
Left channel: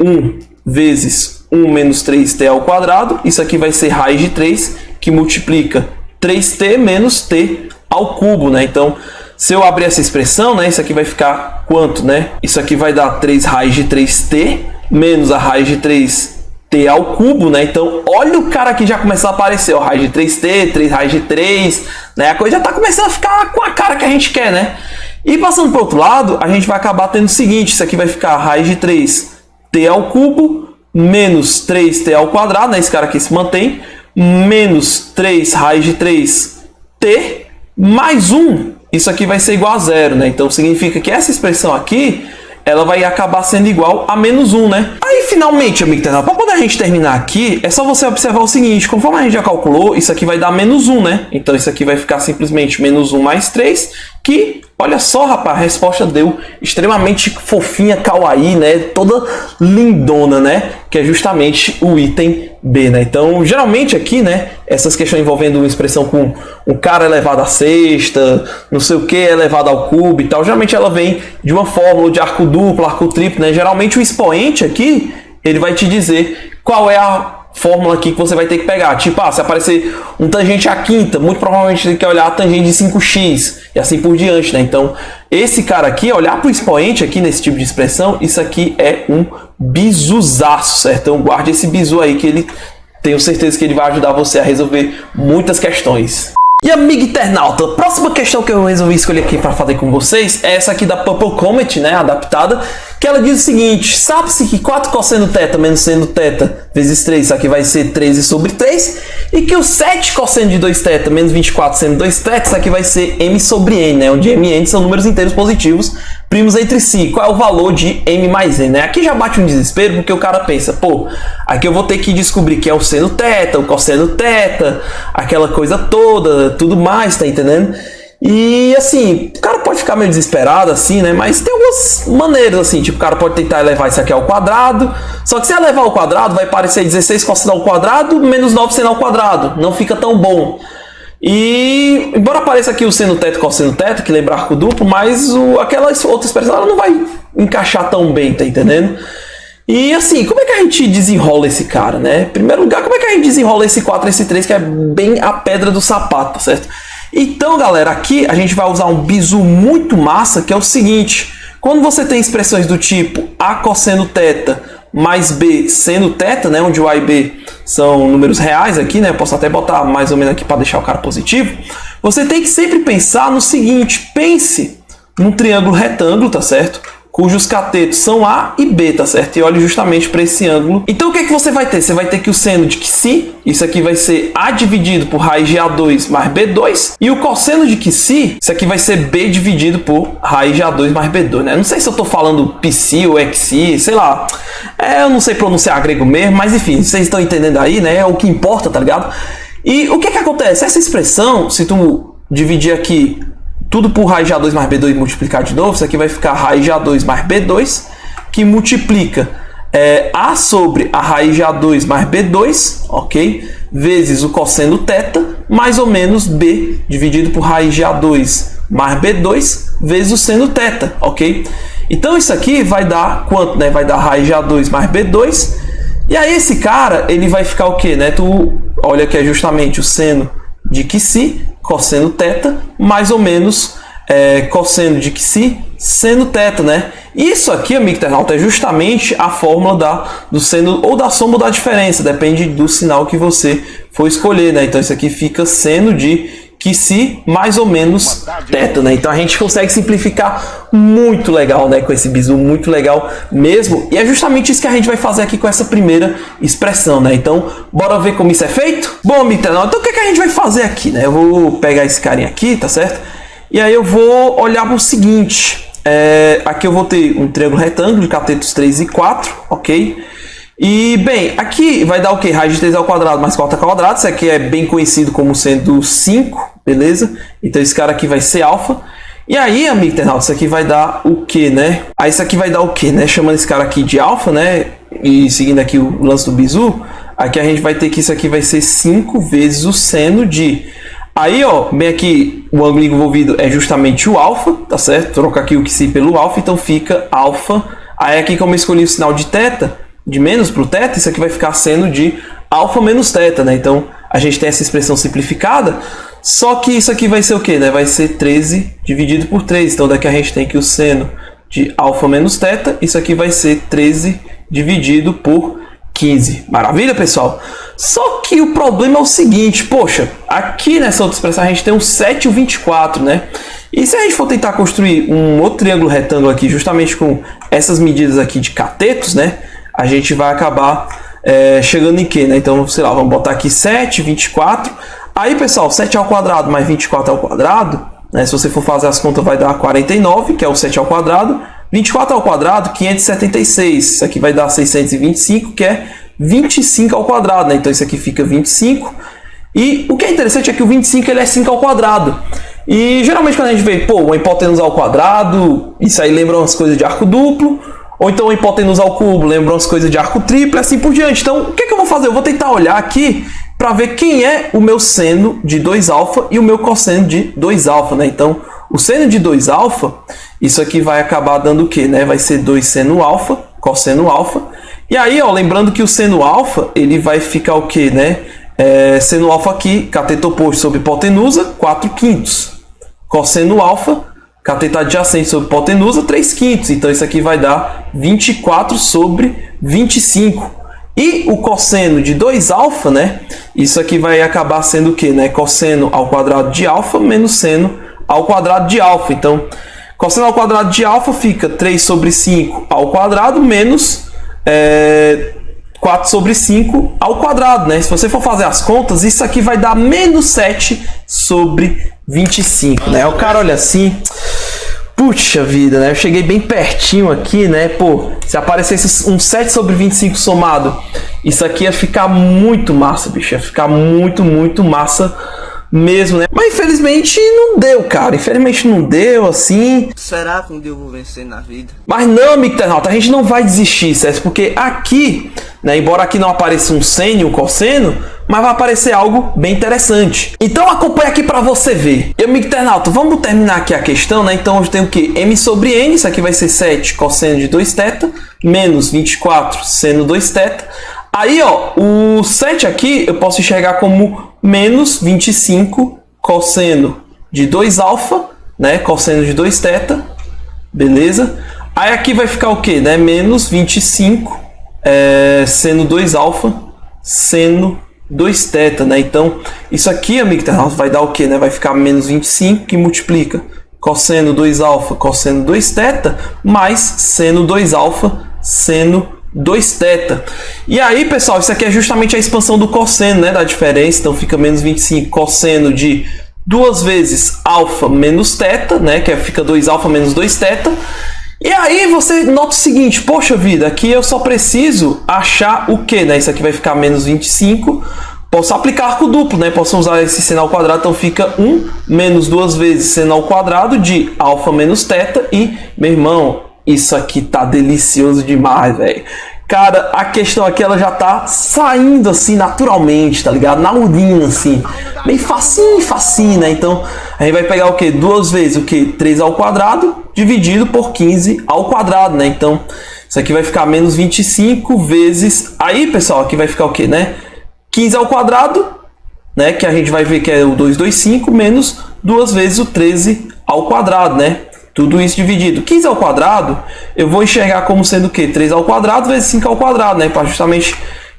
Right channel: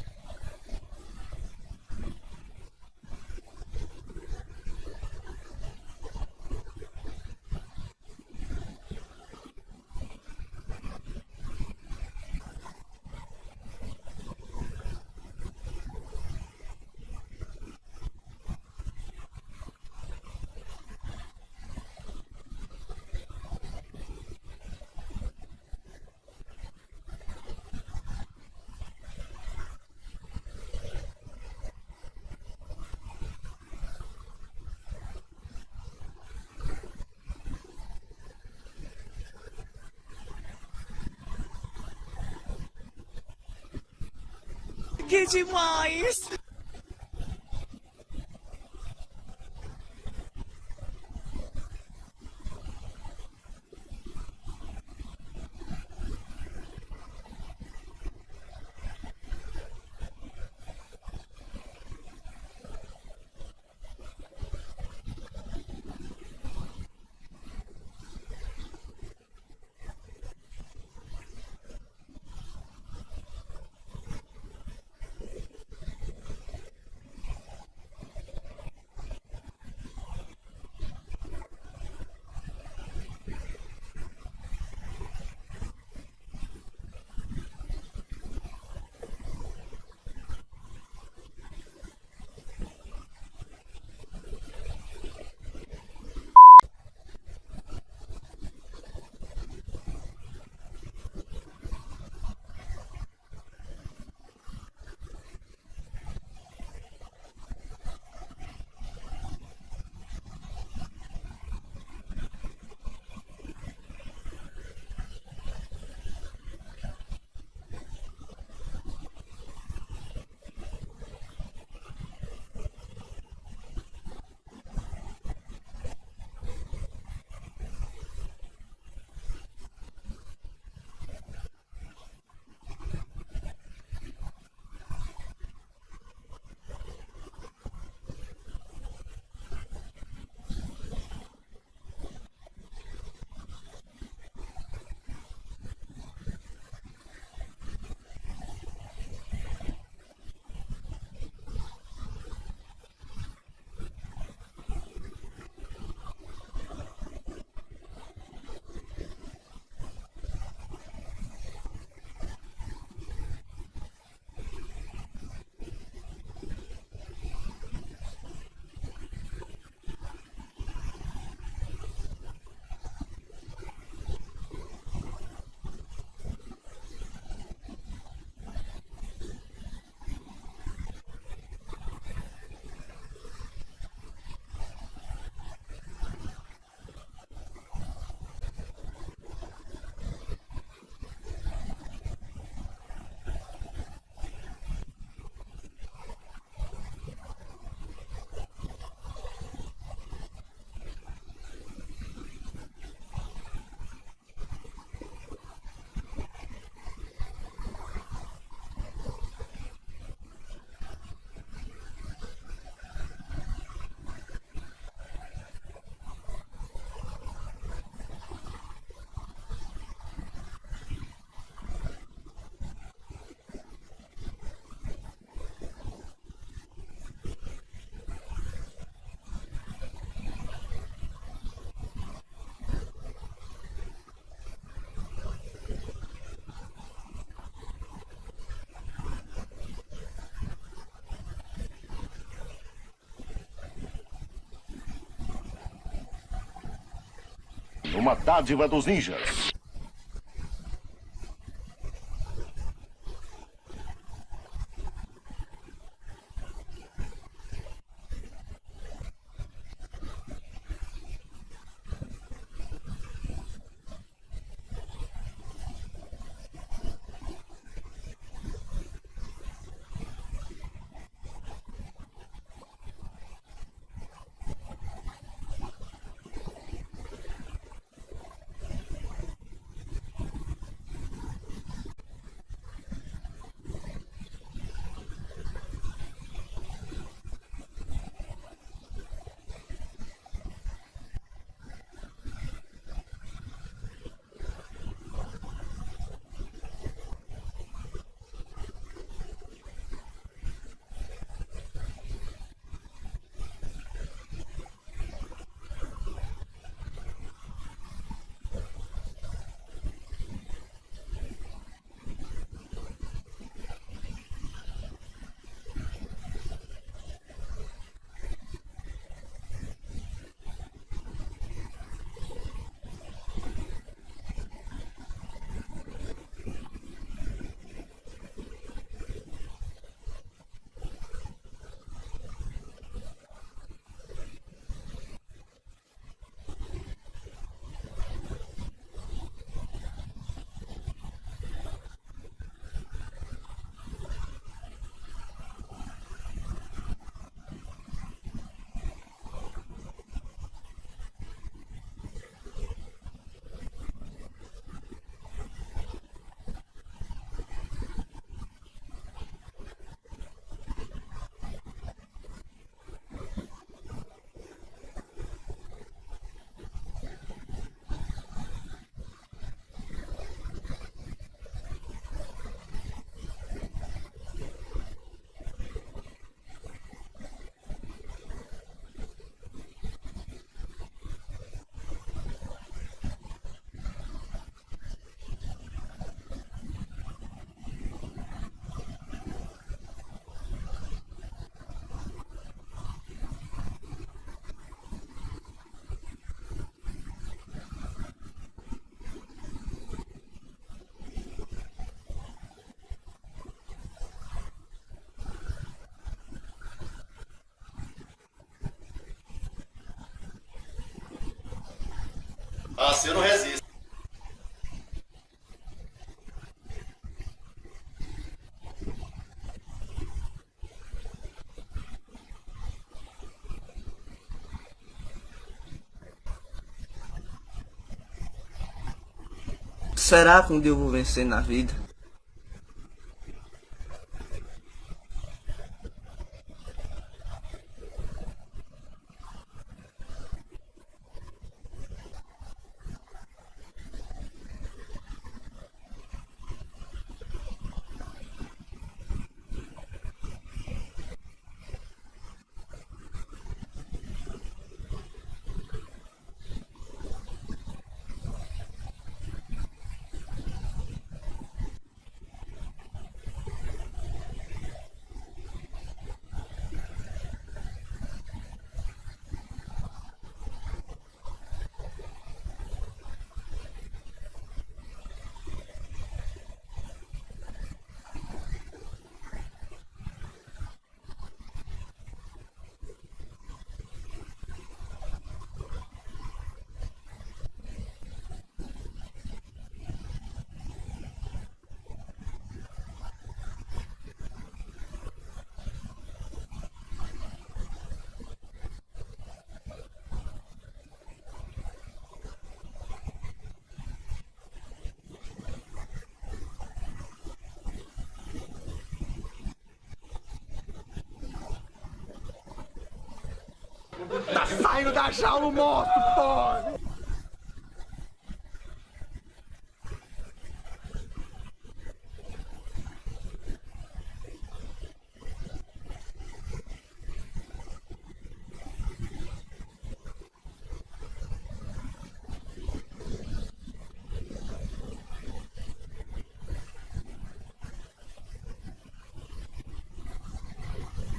1 vezes 1 menos 3t ao quadrado, isso aqui vai ser raiz de 3, que multiplica 3t menos t ao cubo, né? Então, se eu abrir essa expressão, né, isso aqui vai ficar quanto, né? Isso aqui vai dar 3 raiz de 3t menos a raiz de 3 t ao cubo, né? Então, olha o cara que já começou a aparecer, ó, raiz de 3t, 3 raiz de 3, né? A coisa já tá começando a ficar com a cara que a gente quer, né? E passando para o outro lado, a gente vai acabar tendo o seguinte, isso aqui vai ficar raiz de 3t ao cubo, menos 3t ao quadrado, né? Esse cara aqui se mantém, menos 3 raiz de 3t, mais 1, isso aqui vai ser igual a 0, né? Então significa que essa expressão aqui, ela vai acabar sendo igual a menos 1, né? Aí, finalmente, amigo internauta, para poder a gente terminar aqui, é só você observar o seguinte, conforme a gente já calculou, isso aqui vai dar menos 1, né? Então, isso aqui vai ficar simplesmente menos 1 mais 3, que, olha só, rapaz, a resposta deu extremamente fofinha, kawaii, né? Toda lindona, né? Que é justamente o item B, né? Então, geralmente aqui, né? Essas questões envolvendo uma expressão com um cara elevado à sexta, não sei o que elevado ao cubo e tal, geralmente ela vem de uma fórmula de arco duplo, arco triplo, né? Geralmente o expoente aqui, ele vai te dizer qual é a fórmula aqui que você vai ter que pegar. Tipo, se aparecer um tangente à quinta, muito provavelmente você tem que olhar a tangente de 5x e assim por diante, né? Então, esse cara aqui, olhar para o expoente aqui nesse tipo de expressão, isso aqui é um bizuzaço, certo? Então, guarde esse bizu aí que ele, tenho certeza que ele vai ajudar você a resolver muitas questões. E amigo internauta, a próxima questão que eu resolvi escolher aqui para fazer com vocês é essa aqui da Purple Comet, né, adaptada, que ela diz o seguinte: sabe-se que 4 cosseno θ menos seno θ vezes 3, isso aqui vai ser 13 sobre 3, e que o 7 cosseno de 2θ menos 24 seno 2θ, isso aqui vai ser m sobre n, né, onde m e n são números inteiros positivos, primos entre si. Qual é o valor de m mais n, né? Aqui já bate um desespero, porque o cara pensa, pô, aqui eu vou ter que descobrir que é o seno θ, o cosseno θ, aquela coisa toda, tudo mais, tá entendendo? E assim, o cara pode ficar meio desesperado assim, né? Mas tem algumas maneiras assim, tipo, o cara pode tentar elevar isso aqui ao quadrado, só que se elevar ao quadrado vai parecer 16 cosseno ao quadrado menos 9 seno ao quadrado, não fica tão bom. E embora apareça aqui o seno θ e cosseno θ, que lembra arco duplo, mas aquela outra expressão ela não vai encaixar tão bem, tá entendendo? E assim, como é que a gente desenrola esse cara, né? Em primeiro lugar, como é que a gente desenrola esse 4 e esse 3, que é bem a pedra do sapato, tá certo? Então, galera, aqui a gente vai usar um bizu muito massa, que é o seguinte: quando você tem expressões do tipo a cosseno θ mais b seno θ, né, onde o a e b são números reais aqui, né, eu posso até botar mais ou menos aqui para deixar o cara positivo, você tem que sempre pensar no seguinte: pense num triângulo retângulo, tá certo? Cujos catetos são A e B, tá certo? E olhe justamente para esse ângulo. Então o que é que você vai ter? Você vai ter que o seno de Qi, isso aqui vai ser A dividido por raiz de A2 mais B2. E o cosseno de Qi, isso aqui vai ser B dividido por raiz de A2 mais B2, né? Não sei se eu tô falando Psi ou Xi, sei lá. Eu não sei pronunciar grego mesmo, mas enfim, vocês estão entendendo aí, né? É o que importa, tá ligado? E o que é que acontece? Essa expressão, se tu dividir aqui tudo por raiz de A2 mais B2 e multiplicar de novo, isso aqui vai ficar raiz de A2 mais B2, que multiplica A sobre a raiz de A2 mais B2, ok? Vezes o cosseno θ, mais ou menos B dividido por raiz de A2 mais B2, vezes o seno θ, ok? Então isso aqui vai dar quanto, né? Vai dar raiz de A2 mais B2, e aí esse cara, ele vai ficar o quê, né? Tu olha que é justamente o seno de Qi, cosseno θ, mais ou menos cosseno de Qi, seno θ, né? Isso aqui, amigo internauta, é justamente a fórmula do seno ou da soma ou da diferença, depende do sinal que você for escolher, né? Então isso aqui fica seno de Qi mais ou menos θ, né? Então a gente consegue simplificar muito legal, né? Com esse bizu, muito legal mesmo. E é justamente isso que a gente vai fazer aqui com essa primeira expressão, né? Então, bora ver como isso é feito? Bom, amigo internauta, então o que é que a gente vai fazer aqui, né? Eu vou pegar esse carinha aqui, tá certo? E aí eu vou olhar para o seguinte. Aqui eu vou ter um triângulo retângulo de catetos 3 e 4, ok? E, bem, aqui vai dar o que? Raiz de 3 ao quadrado mais 4 ao quadrado. Isso aqui é bem conhecido como sendo 5, beleza? Então esse cara aqui vai ser alfa. E aí, amigo internauta, isso aqui vai dar o que, né? Aí isso aqui vai dar o que, né? Chamando esse cara aqui de alfa, né? E seguindo aqui o lance do bizu, aqui a gente vai ter que isso aqui vai ser 5 vezes o seno de... Aí, ó, bem aqui, o ângulo envolvido é justamente o alfa, tá certo? Trocar aqui o Qi pelo alfa, então fica alfa. Aí aqui, como eu escolhi o sinal de θ, de menos para o θ, isso aqui vai ficar seno de alfa menos θ, né? Então, a gente tem essa expressão simplificada, só que isso aqui vai ser o quê, né? Vai ser 13 dividido por 3. Então, daqui a gente tem que o seno de alfa menos θ, isso aqui vai ser 13 dividido por 15. Maravilha, pessoal? Só que o problema é o seguinte, poxa, aqui nessa outra expressão a gente tem um 7 e o 24, né? E se a gente for tentar construir um outro triângulo retângulo aqui, justamente com essas medidas aqui de catetos, né? A gente vai acabar chegando em quê, né? Então, sei lá, vamos botar aqui 7, 24. Aí, pessoal, 7 ao quadrado mais 24 ao quadrado, né? Se você for fazer as contas, vai dar 49, que é o 7 ao quadrado. 24 ao quadrado, 576. Isso aqui vai dar 625, que é 25 ao quadrado, né? Então, isso aqui fica 25. E o que é interessante é que o 25 ele é 5 ao quadrado. E geralmente quando a gente vê, pô, uma hipotenusa ao quadrado, isso aí lembra umas coisas de arco duplo. Ou então uma hipotenusa ao cubo, lembra umas coisas de arco triplo, e assim por diante. Então, o que eu vou fazer? Eu vou tentar olhar aqui para ver quem é o meu seno de 2α e o meu cosseno de 2α, né? Então, o seno de 2α, isso aqui vai acabar dando o quê, né? Vai ser 2 seno alfa, cosseno alfa. E aí, ó, lembrando que o seno alfa, ele vai ficar o quê, né? Seno alfa aqui, cateto oposto sobre hipotenusa, 4/5. Cosseno alfa, cateto adjacente sobre hipotenusa, 3/5. Então, isso aqui vai dar 24 sobre 25. E o cosseno de 2α, né? Isso aqui vai acabar sendo o quê, né? Cosseno ao quadrado de alfa menos seno ao quadrado de alfa. Então, cosseno ao quadrado de alfa fica 3 sobre 5 ao quadrado menos 4 sobre 5 ao quadrado, né? Se você for fazer as contas, isso aqui vai dar menos 7 sobre 25, né? O cara olha assim, puxa vida, né? Eu cheguei bem pertinho aqui, né? Pô, se aparecesse um 7 sobre 25 somado, isso aqui ia ficar muito massa, bicho. Ia ficar muito, muito massa mesmo, né? Mas infelizmente não deu, cara. Infelizmente não deu, assim. Será que um dia eu vou vencer na vida? Mas não, amigo internauta, a gente não vai desistir, certo? Porque aqui, né, embora aqui não apareça um seno e um cosseno, mas vai aparecer algo bem interessante. Então acompanha aqui para você ver. E, amigo internauta, vamos terminar aqui a questão, né? Então eu tenho o que? M sobre N, isso aqui vai ser 7 cosseno de 2θ, menos 24 seno 2θ. Aí, ó, o 7 aqui eu posso enxergar como menos 25 cosseno de 2α, né? Cosseno de 2θ, beleza? Aí aqui vai ficar o que, né? Menos 25 seno 2α, seno 2θ, né? Então, isso aqui, amigo internauta, vai dar o que, né? Vai ficar menos 25, que multiplica cosseno 2α, cosseno 2θ, mais seno 2α, seno 2θ. E aí, pessoal, isso aqui é justamente a expansão do cosseno, né? Da diferença. Então, fica menos 25 cosseno de 2 vezes alfa menos θ, né? Que fica 2α menos 2θ. E aí você nota o seguinte, poxa vida, aqui eu só preciso achar o que, né? Isso aqui vai ficar menos 25. Posso aplicar arco duplo, né? Posso usar esse seno ao quadrado, então fica 1 menos 2 vezes seno ao quadrado de alfa menos θ. E, meu irmão, isso aqui tá delicioso demais, velho. Cara, a questão aqui, ela já tá saindo assim naturalmente, tá ligado? Na urina, assim. Bem facinho, facinho, né? Então, a gente vai pegar o quê? 2 vezes o quê? 3 ao quadrado dividido por 15 ao quadrado, né? Então, isso aqui vai ficar menos 25 vezes... Aí, pessoal, aqui vai ficar o quê, né? 15 ao quadrado, né? Que a gente vai ver que é o 225 menos 2 vezes o 13 ao quadrado, né? Tudo isso dividido. 15 ao quadrado, eu vou enxergar como sendo o quê? 3 ao quadrado vezes 5 ao quadrado, né? Para justamente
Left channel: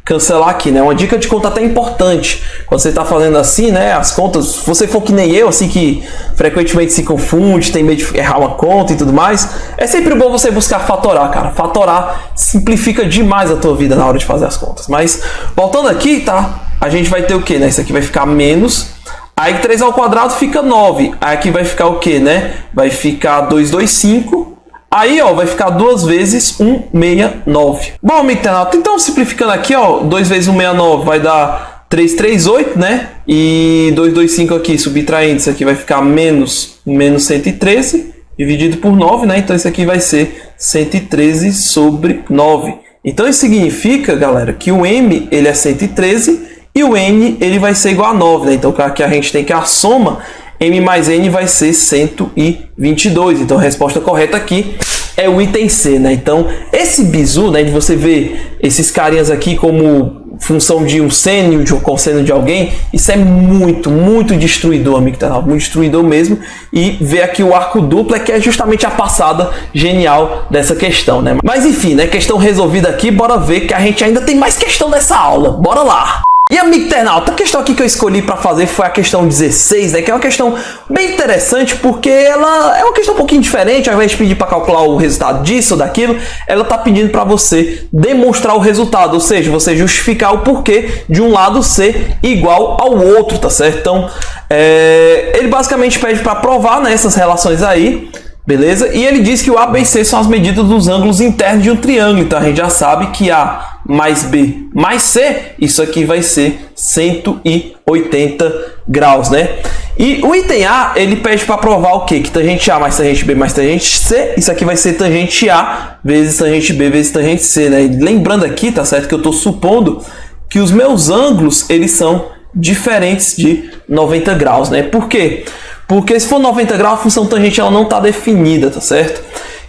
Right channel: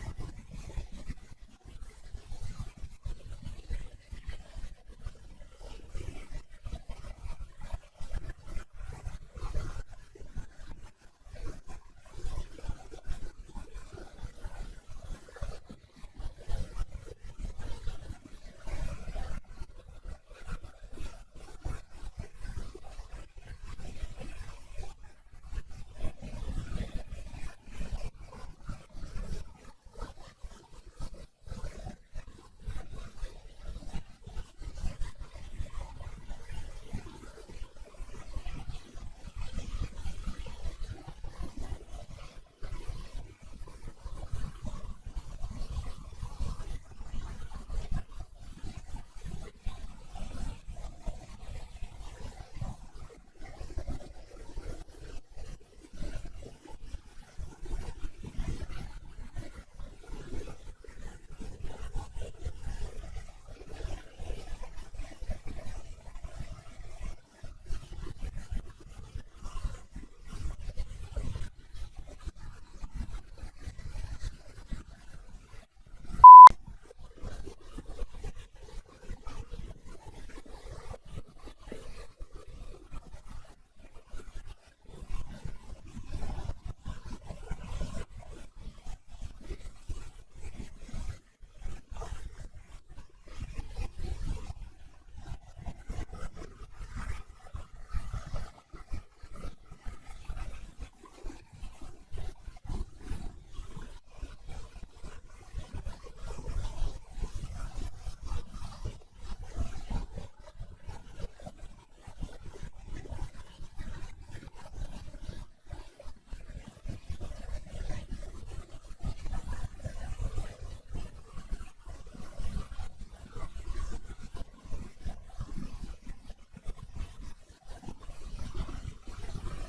cancelar aqui, né? Uma dica de conta até importante. Quando você está fazendo assim, né? As contas, se você for que nem eu, assim, que frequentemente se confunde, tem medo de errar uma conta e tudo mais, é sempre bom você buscar fatorar, cara. Fatorar simplifica demais a tua vida na hora de fazer as contas. Mas, voltando aqui, tá? A gente vai ter o quê, né? Isso aqui vai ficar menos... Aí 3 ao quadrado fica 9. Aí aqui vai ficar o que, né? Vai ficar 225. Aí, ó, vai ficar 2 vezes 169. Bom, amigo internauta, então simplificando aqui, ó, 2 vezes 169 vai dar 338, né? E 225 aqui, subtraindo, isso aqui vai ficar menos 113, dividido por 9, né? Então isso aqui vai ser 113 sobre 9. Então isso significa, galera, que o M, ele é 113 e o N, ele vai ser igual a 9, né? Então aqui a gente tem que a soma, M mais N vai ser 122. Então a resposta correta aqui é o item C, né? Então esse bizu, né, de você ver esses carinhas aqui como função de um seno, de um cosseno de alguém, isso é muito, muito destruidor, amigo internauta, muito destruidor mesmo. E ver aqui o arco duplo é que é justamente a passada genial dessa questão, né? Mas enfim, né? Questão resolvida aqui, bora ver que a gente ainda tem mais questão dessa aula, bora lá! E amigo internauta, a questão aqui que eu escolhi para fazer foi a questão 16, né? Que é uma questão bem interessante porque ela é uma questão um pouquinho diferente. Ao invés de pedir para calcular o resultado disso ou daquilo, ela está pedindo para você demonstrar o resultado, ou seja, você justificar o porquê de um lado ser igual ao outro, tá certo? Então, ele basicamente pede para provar, né, essas relações aí. Beleza? E ele diz que o A, B e C são as medidas dos ângulos internos de um triângulo. Então a gente já sabe que A mais B mais C, isso aqui vai ser 180 graus, né? E o item A, ele pede para provar o quê? Que tangente A mais tangente B mais tangente C, isso aqui vai ser tangente A vezes tangente B vezes tangente C, né? E lembrando aqui, tá certo, que eu estou supondo que os meus ângulos, eles são diferentes de 90 graus, né? Por quê? Porque se for 90 graus, a função tangente ela não está definida, tá certo?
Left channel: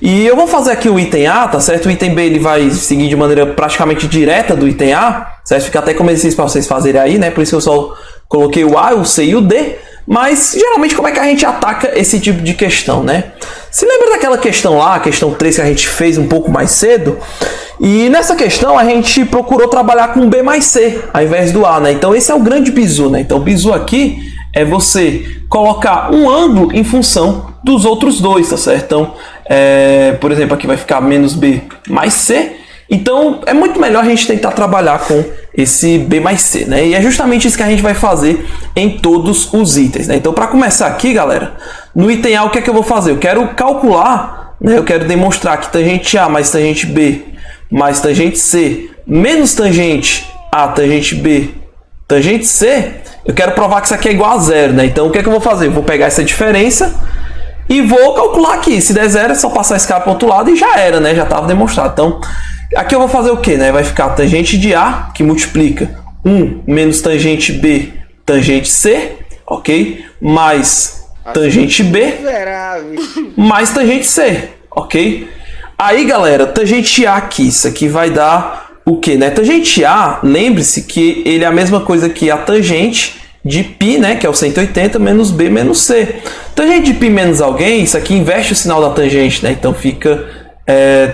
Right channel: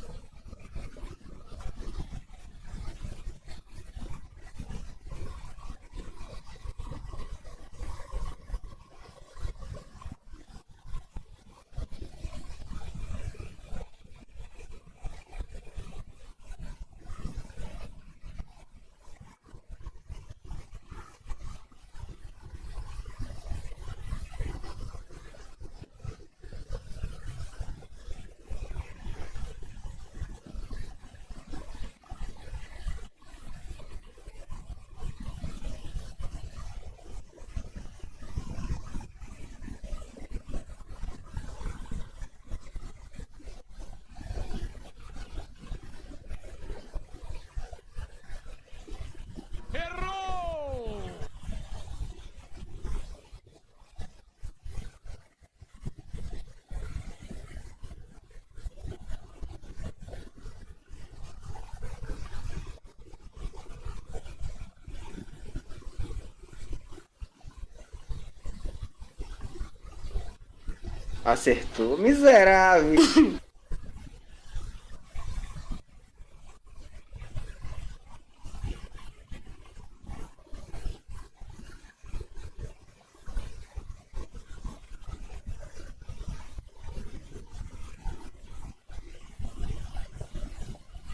E eu vou fazer aqui o item A, tá certo? O item B ele vai seguir de maneira praticamente direta do item A, certo? Fica até como exercício para vocês fazerem aí, né? Por isso que eu só coloquei o A, o C e o D. Mas, geralmente, como é que a gente ataca esse tipo de questão, né? Se lembra daquela questão lá, a questão 3 que a gente fez um pouco mais cedo? E nessa questão a gente procurou trabalhar com B mais C, ao invés do A, né? Então esse é o grande bizu, né? Então o bizu aqui é você colocar um ângulo em função dos outros dois, tá certo? Então, por exemplo, aqui vai ficar menos B mais C. Então, é muito melhor a gente tentar trabalhar com esse B mais C, né? E é justamente isso que a gente vai fazer em todos os itens, né? Então, para começar aqui, galera, no item A, o que é que eu vou fazer? Eu quero calcular, né? Eu quero demonstrar que tangente A mais tangente B mais tangente C menos tangente A, tangente B, tangente C, eu quero provar que isso aqui é igual a zero, né? Então, o que é que eu vou fazer? Eu vou pegar essa diferença e vou calcular aqui. Se der zero, é só passar esse cara para o outro lado e já era, né? Já estava demonstrado. Então, aqui eu vou fazer o que, né? Vai ficar tangente de A, que multiplica 1 menos tangente B, tangente C, ok? Mais tangente B, mais tangente C, ok? Aí, galera, tangente A aqui, isso aqui vai dar o que, né? Tangente A, lembre-se que ele é a mesma coisa que a tangente de π, né? Que é o 180 menos B menos C. Tangente de π menos alguém, isso aqui inverte o sinal da tangente, né? Então fica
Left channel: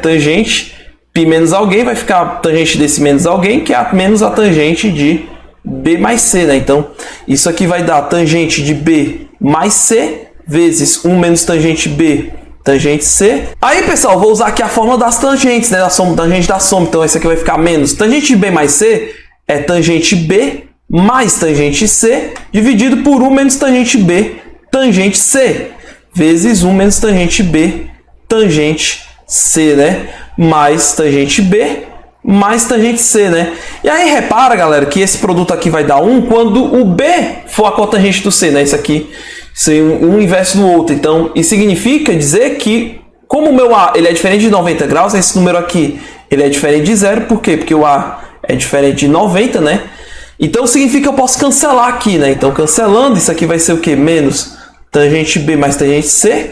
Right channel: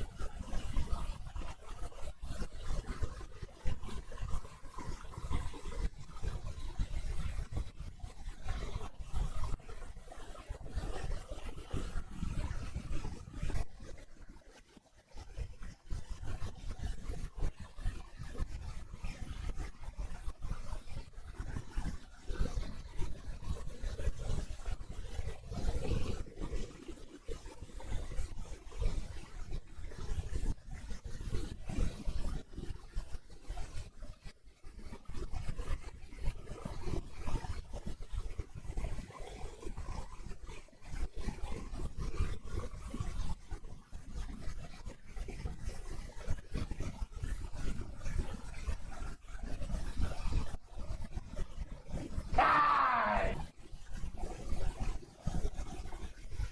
tangente π menos alguém, vai ficar tangente desse menos alguém, que é menos a tangente de B mais C, né? Então isso aqui vai dar tangente de B mais C vezes 1 menos tangente B tangente C. Aí, pessoal, vou usar aqui a fórmula das tangentes, né? Da soma, tangente da soma. Então, esse aqui vai ficar menos tangente de B mais C é tangente B mais tangente C dividido por 1 menos tangente B tangente C vezes 1 menos tangente B tangente C, né? Mais tangente B mais tangente C, né? E aí, repara, galera, que esse produto aqui vai dar 1 quando o B for a cotangente do C, né? Isso aqui ser um inverso do outro. Então, isso significa dizer que, como o meu A ele é diferente de 90 graus, esse número aqui ele é diferente de zero. Por quê? Porque o A é diferente de 90, né? Então, significa que eu posso cancelar aqui, né? Então, cancelando, isso aqui vai ser o quê? Menos tangente B mais tangente C,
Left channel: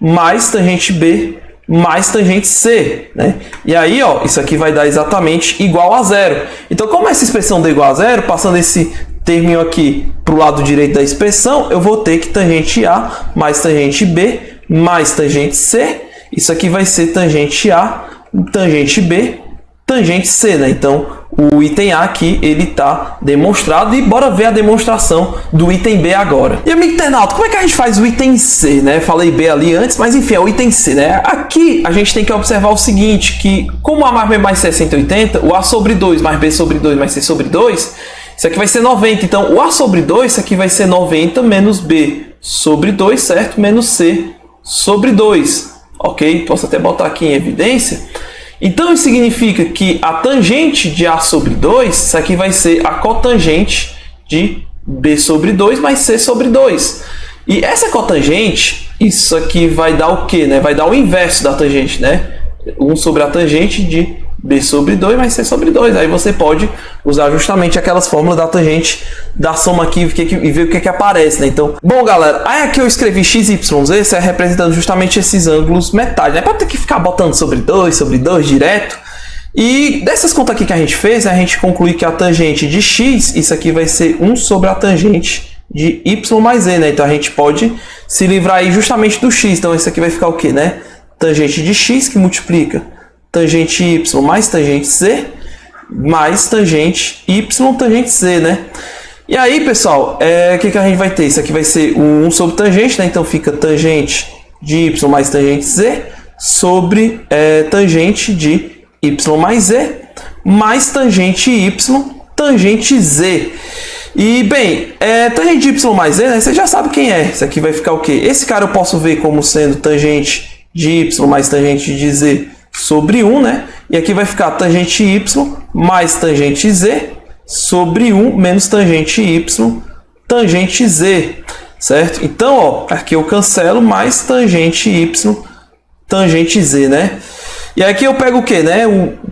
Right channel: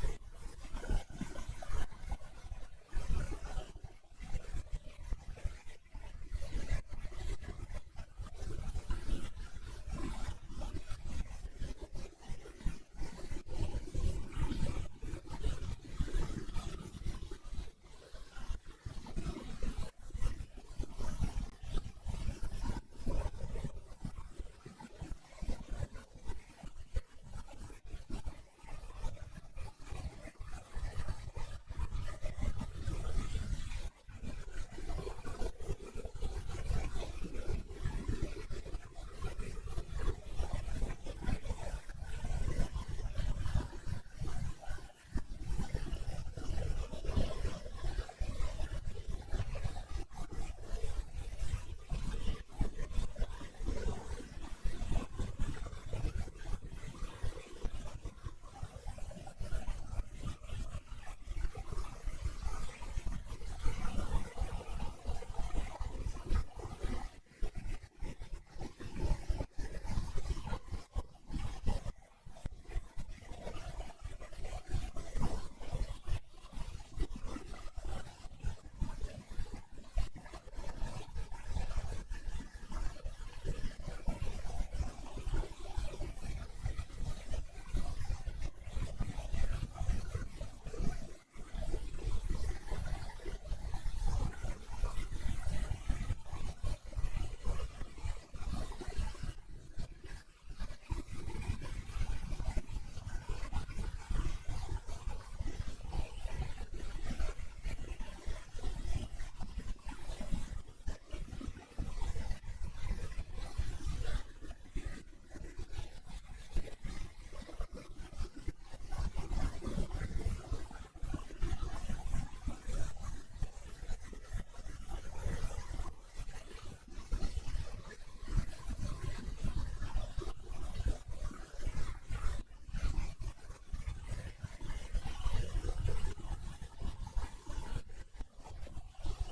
mais tangente B mais tangente C, né? E aí, ó, isso aqui vai dar exatamente igual a zero. Então, como essa expressão deu igual a zero, passando esse terminho aqui para o lado direito da expressão, eu vou ter que tangente A mais tangente B mais tangente C. Isso aqui vai ser tangente A, tangente B, tangente C, né? Então, o item A aqui, ele está demonstrado. E bora ver a demonstração do item B agora. E, amigo internauta, como é que a gente faz o item C, né? Falei B ali antes, mas enfim, é o item C, né? Aqui, a gente tem que observar o seguinte, que como A mais B mais C é 180, o A sobre 2 mais B sobre 2 mais C sobre 2, isso aqui vai ser 90. Então, o A sobre 2, isso aqui vai ser 90 menos B sobre 2, certo? Menos C sobre 2, ok? Posso até botar aqui em evidência. Então, isso significa que a tangente de A sobre 2, isso aqui vai ser a cotangente de B sobre 2 mais C sobre 2. E essa cotangente, isso aqui vai dar o quê, né? Vai dar o inverso da tangente, né? 1 sobre a tangente de B sobre 2 mais C sobre 2. Aí você pode usar justamente aquelas fórmulas da tangente da soma aqui e ver o que aparece, né? Então, bom, galera, aí aqui eu escrevi x, y, z, isso é representando justamente esses ângulos metais, né? Para ter que ficar botando sobre 2 direto. E dessas contas aqui que a gente fez, a gente conclui que a tangente de x, isso aqui vai ser 1 sobre a tangente de y mais z, né? Então a gente pode se livrar aí justamente do x. Então isso aqui vai ficar o quê, né? Tangente de x que multiplica tangente y mais tangente z, mais tangente y tangente z, né? E aí, pessoal, o que a gente vai ter? Isso aqui vai ser 1 sobre tangente, né? Então fica tangente de y mais tangente z sobre tangente de y mais z mais tangente y tangente z. E, bem, tangente de y mais z, né? Você já sabe quem é. Isso aqui vai ficar o quê? Esse cara eu posso ver como sendo tangente de y mais tangente de z sobre 1, né? E aqui vai ficar tangente y mais tangente z sobre 1 menos tangente y tangente z, certo? Então, ó, aqui eu cancelo mais tangente y tangente z, né? E aqui eu pego o que, né?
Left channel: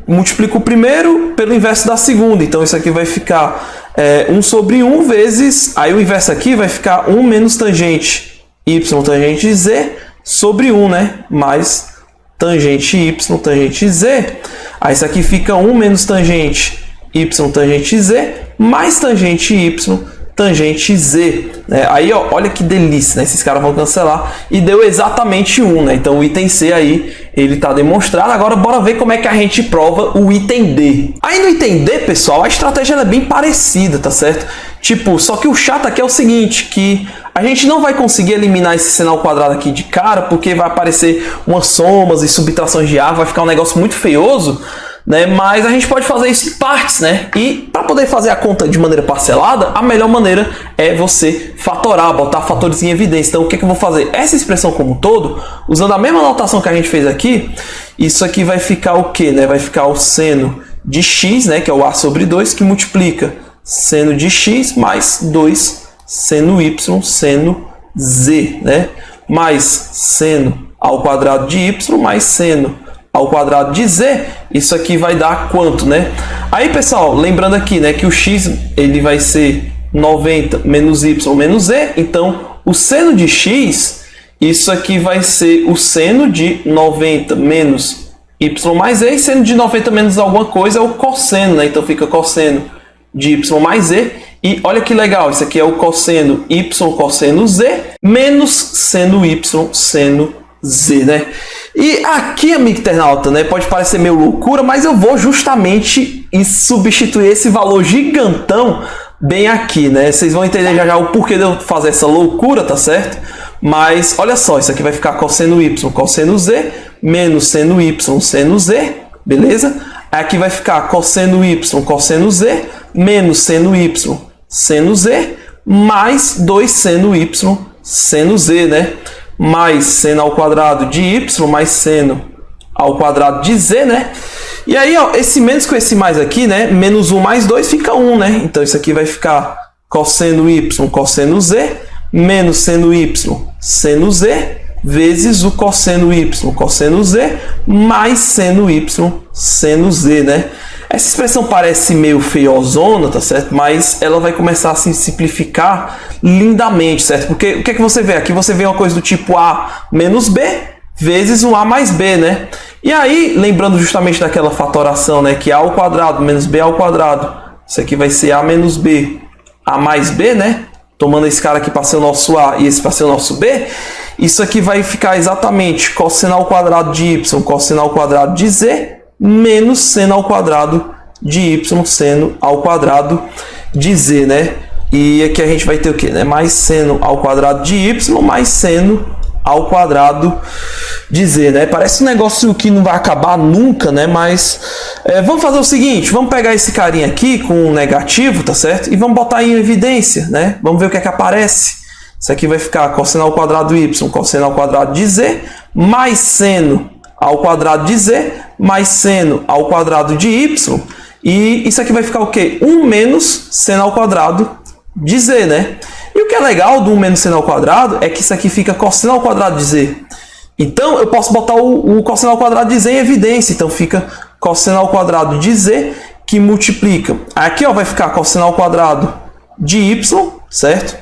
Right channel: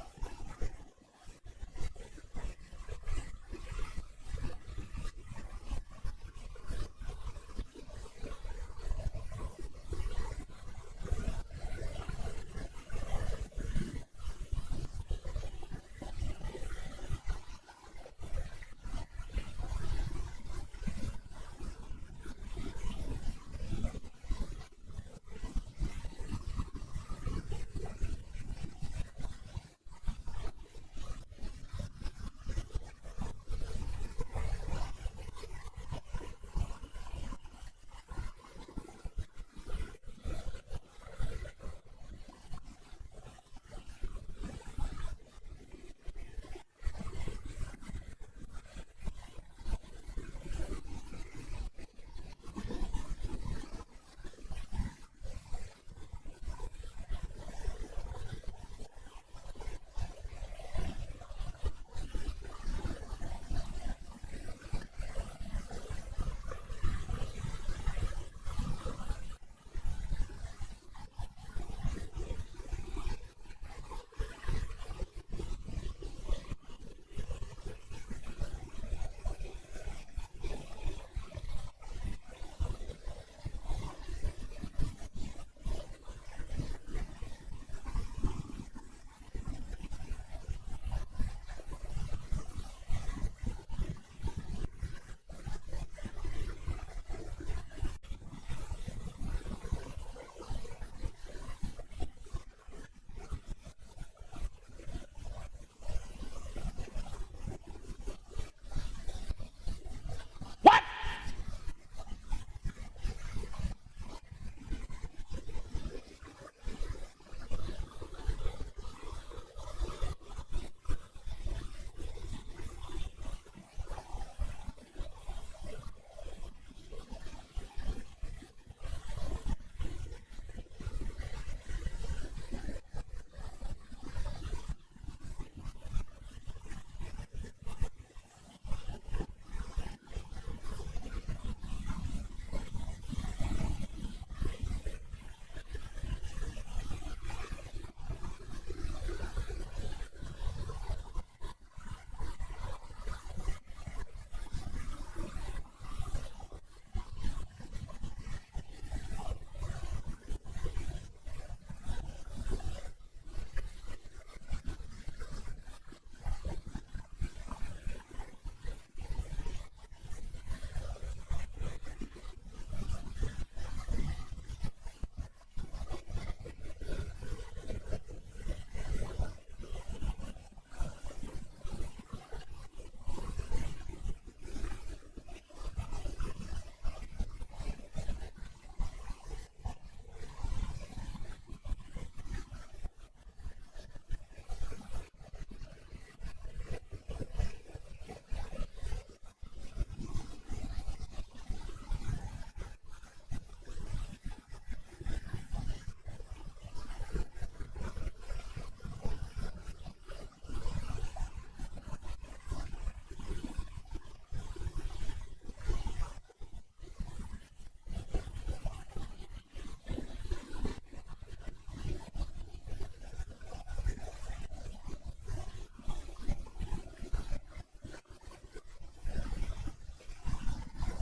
Multiplico o primeiro pelo inverso da segunda. Então isso aqui vai ficar 1 sobre 1 vezes... Aí o inverso aqui vai ficar 1 menos tangente y tangente z sobre 1, né? Mais tangente y tangente z. Aí isso aqui fica 1 menos tangente y tangente z mais tangente y tangente z, né? Aí, ó, olha que delícia, né? Esses caras vão cancelar e deu exatamente 1, né? Então o item C aí, ele tá demonstrado. Agora bora ver como é que a gente prova o item D. Aí no item D, pessoal, a estratégia é bem parecida, tá certo? Tipo, só que o chato aqui é o seguinte, que a gente não vai conseguir eliminar esse seno ao quadrado aqui de cara, porque vai aparecer umas somas e subtrações de A, vai ficar um negócio muito feioso, né? Mas a gente pode fazer isso em partes, né? E para poder fazer a conta de maneira parcelada, a melhor maneira é você fatorar, botar fatores em evidência. Então o que eu vou fazer? Essa expressão como um todo, usando a mesma notação que a gente fez aqui, isso aqui vai ficar o quê, né? Vai ficar o seno de x, né? Que é o a sobre 2, que multiplica seno de x mais 2 seno y seno z, né? Mais seno ao quadrado de y mais seno ao quadrado de z, isso aqui vai dar quanto, né? Aí, pessoal, lembrando aqui, né, que o x ele vai ser 90 menos y menos z, então o seno de x, isso aqui vai ser o seno de 90 menos y mais z, e seno de 90 menos alguma coisa é o cosseno, né? Então fica cosseno de y mais z, e olha que legal, isso aqui é o cosseno y cosseno z menos seno y seno z, né? E aqui, amigo internauta, né, pode parecer meio loucura, mas eu vou justamente substituir esse valor gigantão bem aqui, né? Vocês vão entender já já o porquê de eu fazer essa loucura, tá certo? Mas olha só, isso aqui vai ficar cosseno y cosseno z menos seno y seno z, beleza? Aqui vai ficar cosseno y cosseno z menos seno y seno z mais 2 seno y seno z, né? Mais seno ao quadrado de y mais seno ao quadrado de z, né? E aí, ó, esse menos com esse mais aqui, né? Menos 1 mais 2 fica 1, né? Então isso aqui vai ficar cosseno y cosseno z menos seno y seno z vezes o cosseno y cosseno z mais seno y seno z, né? Essa expressão parece meio feiozona, tá certo? Mas ela vai começar a se simplificar lindamente, certo? Porque o que é que você vê? Aqui você vê uma coisa do tipo A menos B vezes um A mais B, né? E aí, lembrando justamente daquela fatoração, né? Que A ao quadrado menos B ao quadrado. Isso aqui vai ser A menos B, A mais B, né? Tomando esse cara aqui para ser o nosso A e esse para ser o nosso B. Isso aqui vai ficar exatamente cosseno ao quadrado de Y, cosseno ao quadrado de Z, menos seno ao quadrado de y seno ao quadrado de z, né? E aqui a gente vai ter o que, né? Mais seno ao quadrado de y mais seno ao quadrado de z, né? Parece um negócio que não vai acabar nunca, né? Mas vamos fazer o seguinte, vamos pegar esse carinha aqui com um negativo, tá certo? E vamos botar em evidência, né? Vamos ver o que é que aparece. Isso aqui vai ficar cosseno ao quadrado de y, cosseno ao quadrado de z, mais seno ao quadrado de z, mais seno ao quadrado de y, e isso aqui vai ficar o quê? 1 menos seno ao quadrado de z, né? E o que é legal do 1 menos seno ao quadrado é que isso aqui fica cosseno ao quadrado de z. Então, eu posso botar o cosseno ao quadrado de z em evidência. Então, fica cosseno ao quadrado de z, que multiplica. Aqui, ó, vai ficar cosseno ao quadrado de y, certo?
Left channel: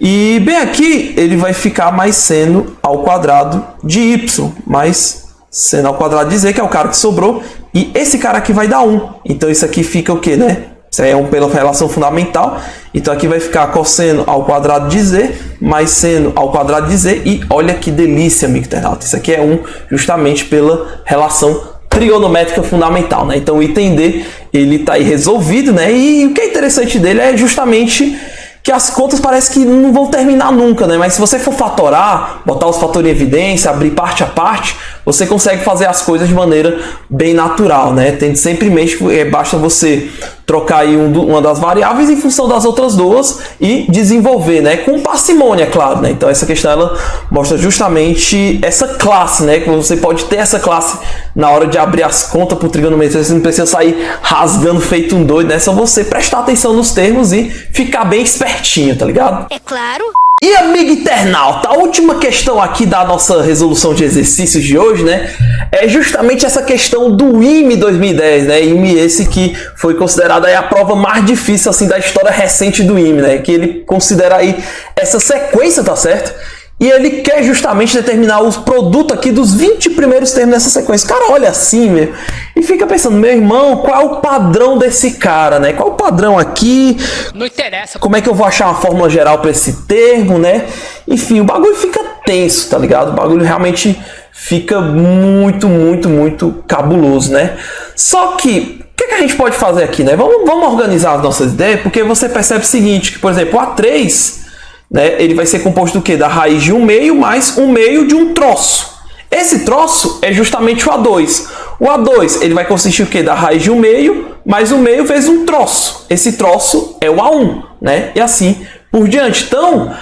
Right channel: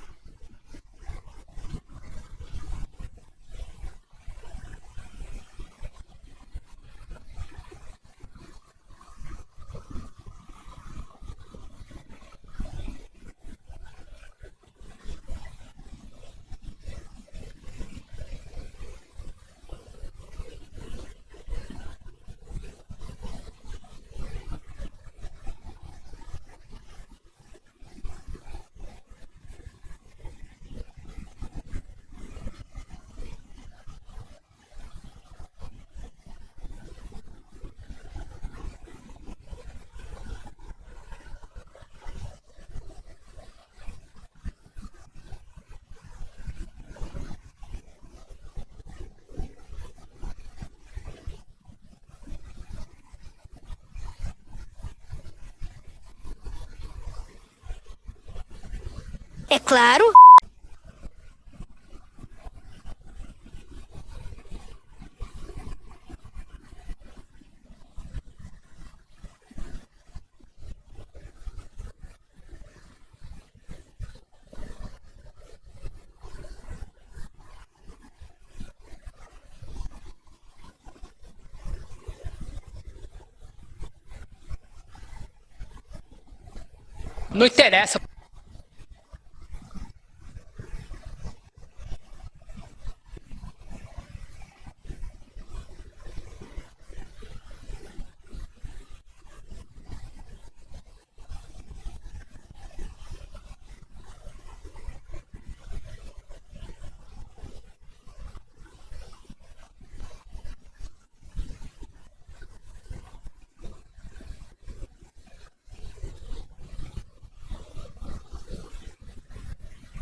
E bem aqui, ele vai ficar mais seno ao quadrado de y, mais seno ao quadrado de z, que é o cara que sobrou, e esse cara aqui vai dar 1. Então isso aqui fica o quê, né? Isso aí é pela relação fundamental. Então aqui vai ficar cosseno ao quadrado de z mais seno ao quadrado de z. E olha que delícia, amigo internauta. Isso aqui é 1 justamente pela relação trigonométrica fundamental, né? Então o item D, ele está aí resolvido, né? E o que é interessante dele é justamente que as contas parece que não vão terminar nunca, né? Mas se você for fatorar, botar os fatores em evidência, abrir parte a parte, você consegue fazer as coisas de maneira bem natural, né? Tendo sempre em mente que basta você trocar aí uma das variáveis em função das outras duas e desenvolver, né? Com parcimônia, claro, né? Então essa questão ela mostra justamente essa classe, né? Que você pode ter essa classe na hora de abrir as contas por trigonometria, você não precisa sair rasgando feito um doido, né? É só você prestar atenção nos termos e ficar bem espertinho, tá ligado? É claro. E amigo internauta, a última questão aqui da nossa resolução de exercícios de hoje, né, é justamente essa questão do IME 2010, né, IME esse que foi considerado aí a prova mais difícil assim da história recente do IME, né, que ele considera aí essa sequência, tá certo? E ele quer justamente determinar os produtos aqui dos 20 primeiros termos dessa sequência. Cara, olha assim, meu, e fica pensando, meu irmão, qual é o padrão desse cara, né? Qual é o padrão aqui? Não interessa. Como é que eu vou achar uma fórmula geral para esse termo, né? Enfim, o bagulho fica tenso, tá ligado? O bagulho realmente fica muito cabuloso, né? Só que, o que a gente pode fazer aqui, né? Vamos organizar as nossas ideias, porque você percebe o seguinte, que, por exemplo, o A3... né, ele vai ser composto do quê? Da raiz de 1/2 mais 1/2 de um troço. Esse troço é justamente o A2. O A2 ele vai consistir o quê? Da raiz de 1/2 mais 1/2 vezes um troço. Esse troço é o A1, né? E assim por diante. Então,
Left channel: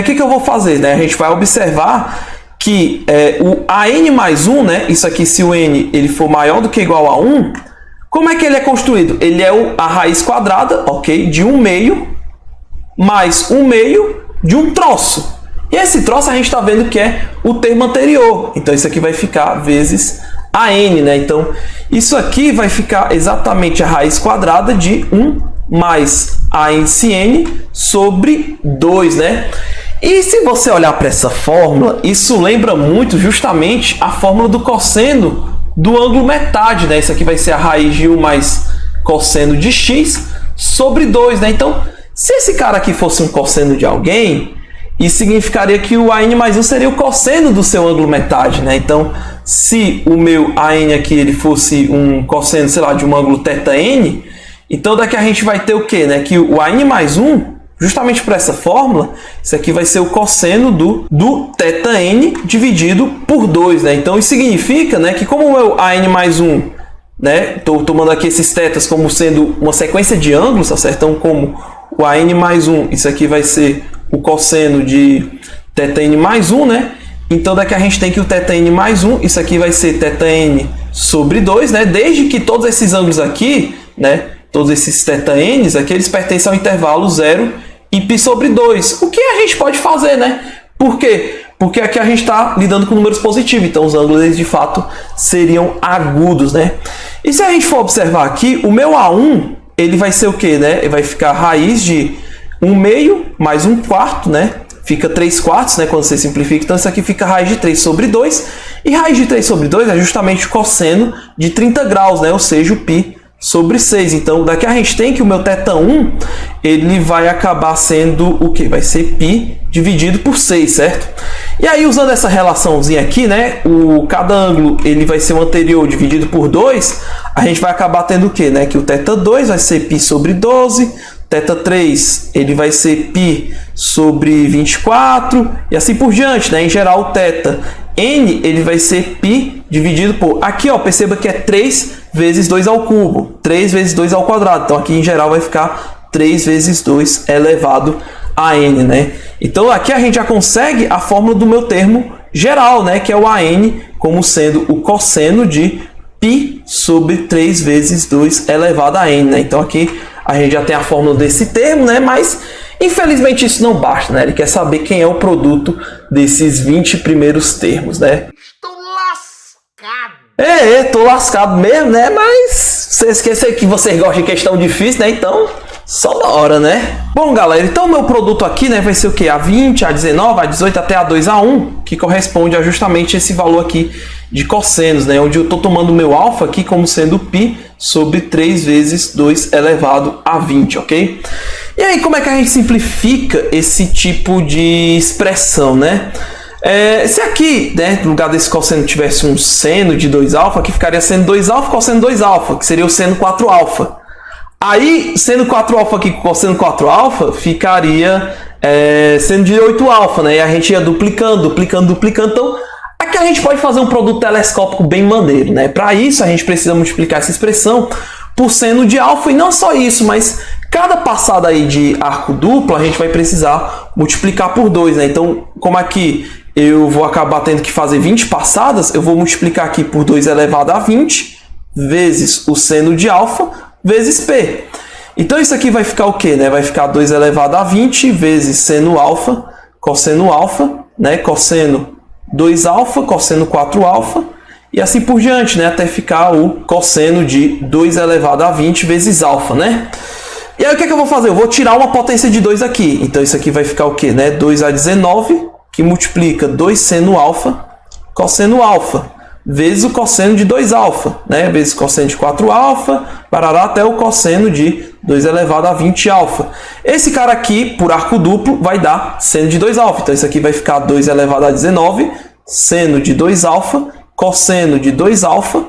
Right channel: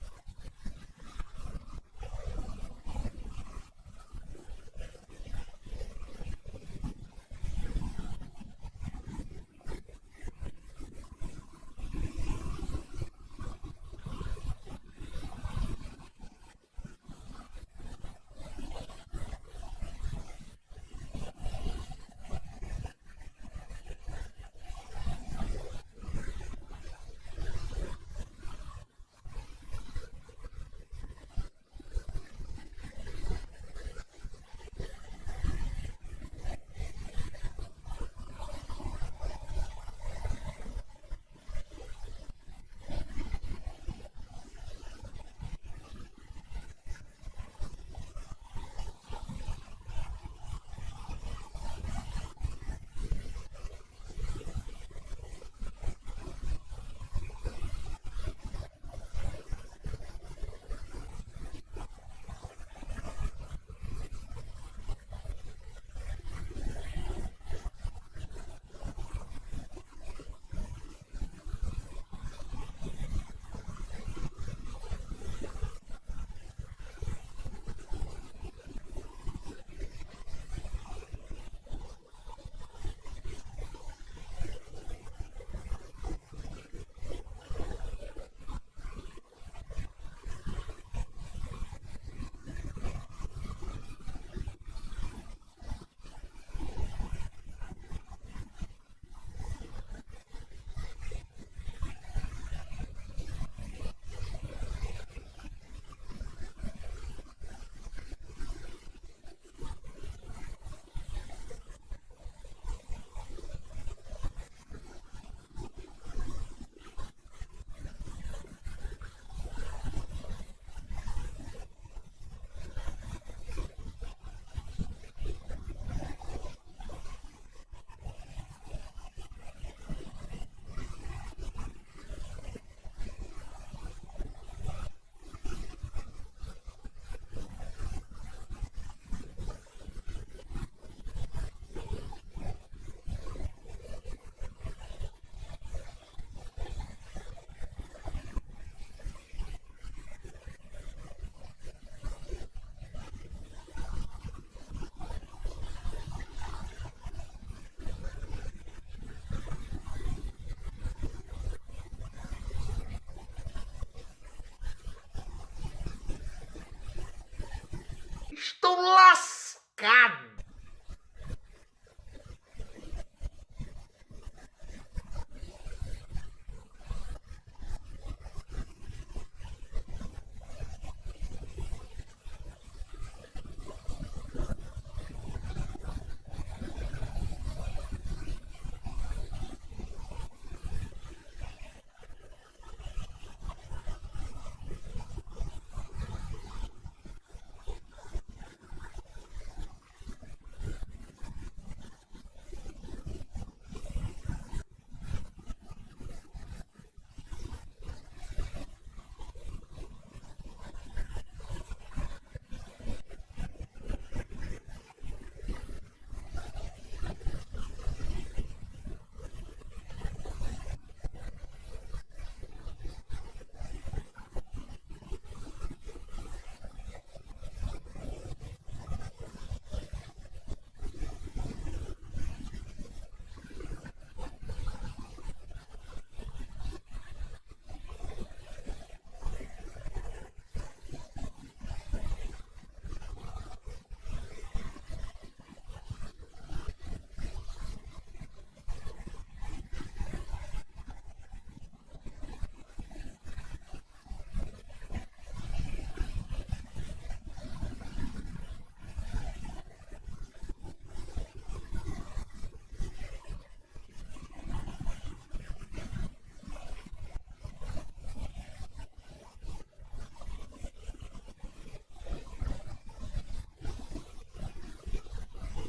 o que eu vou fazer? Né? A gente vai observar que o AN mais 1, né? Isso aqui, se o N ele for maior do que ou igual a 1, como é que ele é construído? Ele é a raiz quadrada, ok? De 1/2 mais 1/2 de um troço. E esse troço a gente está vendo que é o termo anterior. Então isso aqui vai ficar vezes AN, né? Então isso aqui vai ficar exatamente a raiz quadrada de 1 mais ANCN sobre 2, né? E se você olhar para essa fórmula, isso lembra muito justamente a fórmula do cosseno do ângulo metade, né? Isso aqui vai ser a raiz de 1 mais cosseno de x sobre 2, né? Então, se esse cara aqui fosse um cosseno de alguém, isso significaria que o AN mais 1 seria o cosseno do seu ângulo metade, né? Então, se o meu AN aqui ele fosse um cosseno, sei lá, de um ângulo θn, então daqui a gente vai ter o quê, né? Que o AN mais 1, justamente por essa fórmula, isso aqui vai ser o cosseno do θn dividido por 2, né? Então, isso significa, né, que como o meu AN mais 1, né? Estou tomando aqui esses tetas como sendo uma sequência de ângulos, tá certo? Então, como o AN mais 1, isso aqui vai ser o cosseno de θn mais 1, né? Então daqui a gente tem que o θn mais 1, isso aqui vai ser θn sobre 2, né? Desde que todos esses ângulos aqui, né? Todos esses θn's aqui, eles pertencem ao intervalo 0 e π sobre 2. O que a gente pode fazer, né? Por quê? Porque aqui a gente está lidando com números positivos, então os ângulos eles, de fato seriam agudos, né? E se a gente for observar aqui, o meu A1, ele vai ser o quê, né? Ele vai ficar raiz de 1/2 mais 1/4, né? Fica 3/4, né? Quando você simplifica. Então, isso aqui fica raiz de 3 sobre 2. E raiz de 3 sobre 2 é justamente o cosseno de 30 graus, né? Ou seja, o π sobre 6. Então, daqui a gente tem que o meu θ1, ele vai acabar sendo o quê? Vai ser π dividido por 6, certo? E aí, usando essa relaçãozinha aqui, né? Cada ângulo ele vai ser o anterior dividido por 2. A gente vai acabar tendo o quê, né? Que o θ2 vai ser π sobre 12. θ3 ele vai ser π sobre 24 e assim por diante, né? Em geral, o θn ele vai ser π dividido por... Aqui, ó, perceba que é 3 vezes 2 ao cubo, 3 vezes 2 ao quadrado. Então, aqui em geral vai ficar 3 vezes 2 elevado a n, né? Então, aqui a gente já consegue a fórmula do meu termo geral, né? Que é o AN como sendo o cosseno de π sobre 3 vezes 2 elevado a n, né? Então, aqui a gente já tem a fórmula desse termo, né? Mas, infelizmente, isso não basta, né? Ele quer saber quem é o produto desses 20 primeiros termos, né? Estou lascado. Tô lascado mesmo, né? Mas você esqueceu que vocês gostam de questão difícil, né? Então, só na hora, né? Bom, galera, então o meu produto aqui, né, vai ser o quê? A20, A19, A18 até A2, A1, que corresponde a justamente esse valor aqui de cossenos, né? Onde eu estou tomando o meu alfa aqui como sendo π sobre 3 vezes 2 elevado a 20, ok? E aí, como é que a gente simplifica esse tipo de expressão, né? Se aqui, né, no lugar desse cosseno tivesse um seno de 2α, aqui ficaria seno 2α, cosseno 2α, que seria o seno 4α. Aí, seno 4α aqui com cosseno 4α, ficaria seno de 8α, né? E a gente ia duplicando. Então, aqui a gente pode fazer um produto telescópico bem maneiro, né? Para isso, a gente precisa multiplicar essa expressão por seno de alfa, e não só isso, mas cada passada aí de arco duplo, a gente vai precisar multiplicar por 2, né? Então, como aqui eu vou acabar tendo que fazer 20 passadas, eu vou multiplicar aqui por 2 elevado a 20 vezes o seno de alfa vezes P. Então, isso aqui vai ficar o quê, né? Vai ficar 2 elevado a 20 vezes seno alfa, né? Cosseno 2α, cosseno 4α, e assim por diante, né? Até ficar o cosseno de 2 elevado a 20 vezes alfa, né? E aí, o que é que eu vou fazer? Eu vou tirar uma potência de 2 aqui. Então, isso aqui vai ficar o quê, né? 2 a 19, que multiplica 2 seno alfa, cosseno alfa, vezes o cosseno de 2α, né? Vezes o cosseno de 4α, parará até o cosseno de 2 elevado a 20α. Esse cara aqui, por arco duplo, vai dar seno de 2α. Então, isso aqui vai ficar 2 elevado a 19, seno de 2α, cosseno de 2α,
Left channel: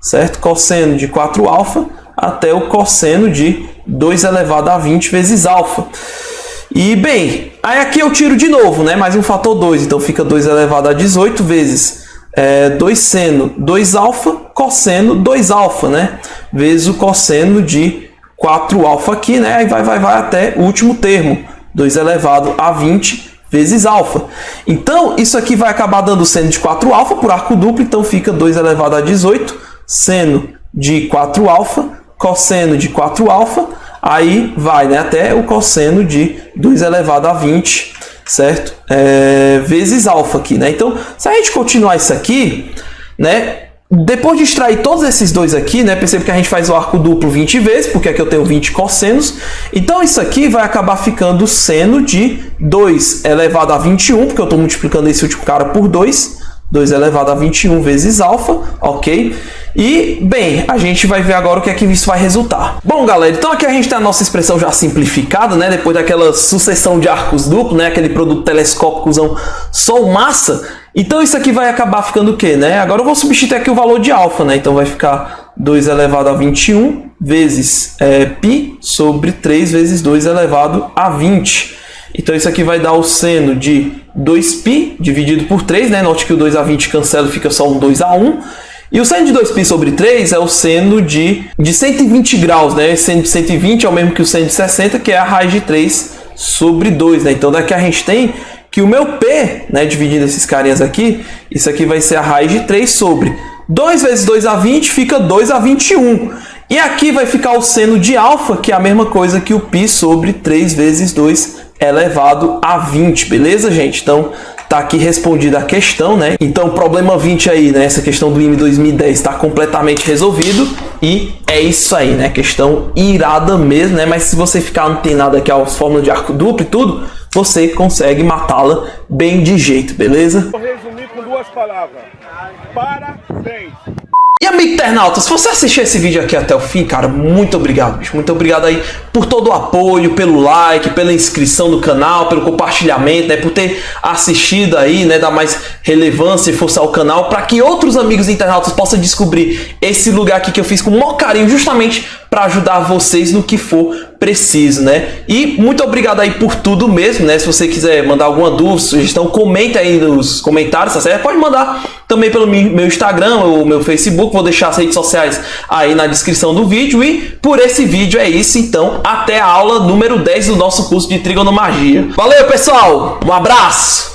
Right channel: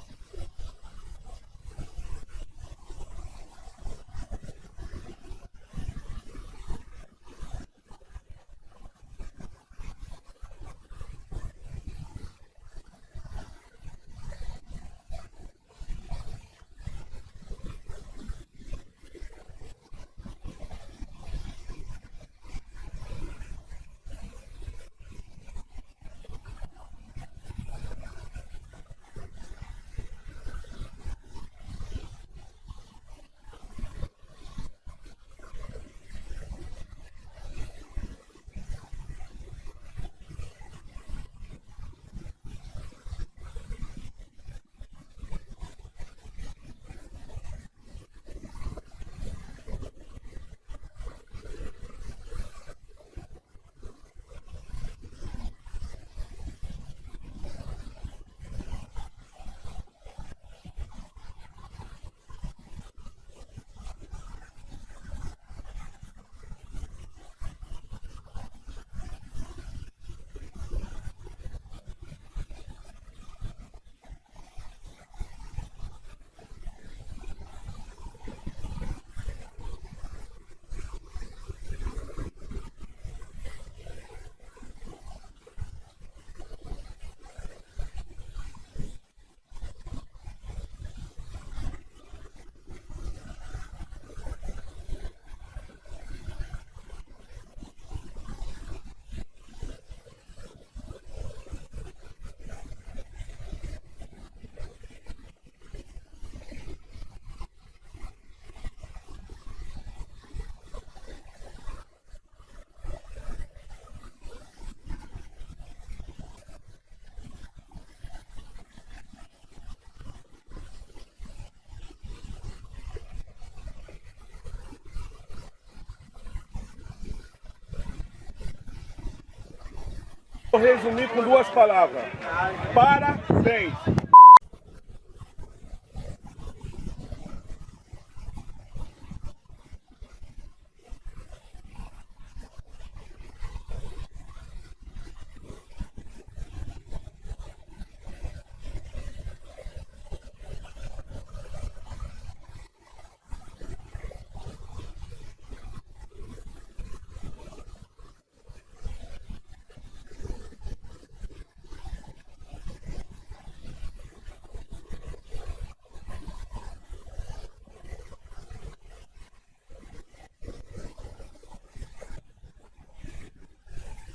certo? Cosseno de 4α, até o cosseno de 2 elevado a 20 vezes alfa. E, bem, aí aqui eu tiro de novo, né? Mais um fator 2. Então, fica 2 elevado a 18 vezes 2 seno 2α, cosseno 2α, né? Vezes o cosseno de 4α aqui, né? Aí vai até o último termo, 2 elevado a 20 vezes alfa. Então, isso aqui vai acabar dando seno de 4α por arco duplo. Então, fica 2 elevado a 18, seno de 4α, cosseno de 4α. Aí vai, né, até o cosseno de 2 elevado a 20, certo? Vezes alfa aqui, né? Então, se a gente continuar isso aqui, né? Depois de extrair todos esses dois aqui, né? Perceba que a gente faz o arco duplo 20 vezes, porque aqui eu tenho 20 cossenos. Então, isso aqui vai acabar ficando seno de 2 elevado a 21, porque eu estou multiplicando esse último cara por 2. 2 elevado a 21 vezes alfa, ok? E, bem, a gente vai ver agora o que é que isso vai resultar. Bom, galera, então aqui a gente tem a nossa expressão já simplificada, né? Depois daquela sucessão de arcos duplos, né? Aquele produto telescópico só massa. Então isso aqui vai acabar ficando o quê, né? Agora eu vou substituir aqui o valor de alfa, né? Então vai ficar 2 elevado a 21 vezes π sobre 3 vezes 2 elevado a 20. Então isso aqui vai dar o seno de 2π dividido por 3, né? Note que o 2 a 20 cancela e fica só um 2 a 1. E o seno de 2π sobre 3 é o seno de 120 graus, né? Esse seno de 120 é o mesmo que o seno de 60, que é a raiz de 3 sobre 2, né? Então daqui a gente tem que o meu P, né, dividindo esses carinhas aqui, isso aqui vai ser a raiz de 3 sobre 2 vezes 2 a 20, fica 2 a 21. E aqui vai ficar o seno de alfa, que é a mesma coisa que o π sobre 3 vezes 2 elevado a 20, beleza, gente? Então, tá aqui respondida a questão, né? Então, o problema 20 aí, né? Essa questão do IME 2010 está completamente resolvido. E é isso aí, né? Questão irada mesmo, né? Mas se você ficar antenado aqui às fórmulas de arco duplo e tudo, você consegue matá-la bem de jeito, beleza? Vou resumir com 2 palavras. Parabéns! E amigo internauta, se você assistiu esse vídeo aqui até o fim, cara, muito obrigado, bicho. Muito obrigado aí por todo o apoio, pelo like, pela inscrição no canal, pelo compartilhamento, né, por ter assistido aí, né, dar mais relevância e força ao canal, para que outros amigos internautas possam descobrir esse lugar aqui que eu fiz com o maior carinho, justamente para ajudar vocês no que for preciso, né? E muito obrigado aí por tudo mesmo, né? Se você quiser mandar alguma dúvida, sugestão, comenta aí nos comentários, tá certo? Pode mandar também pelo meu Instagram ou meu Facebook, vou deixar as redes sociais aí na descrição do vídeo. E por esse vídeo é isso, então até a aula número 10 do nosso curso de trigonomagia. Valeu, pessoal! Um abraço!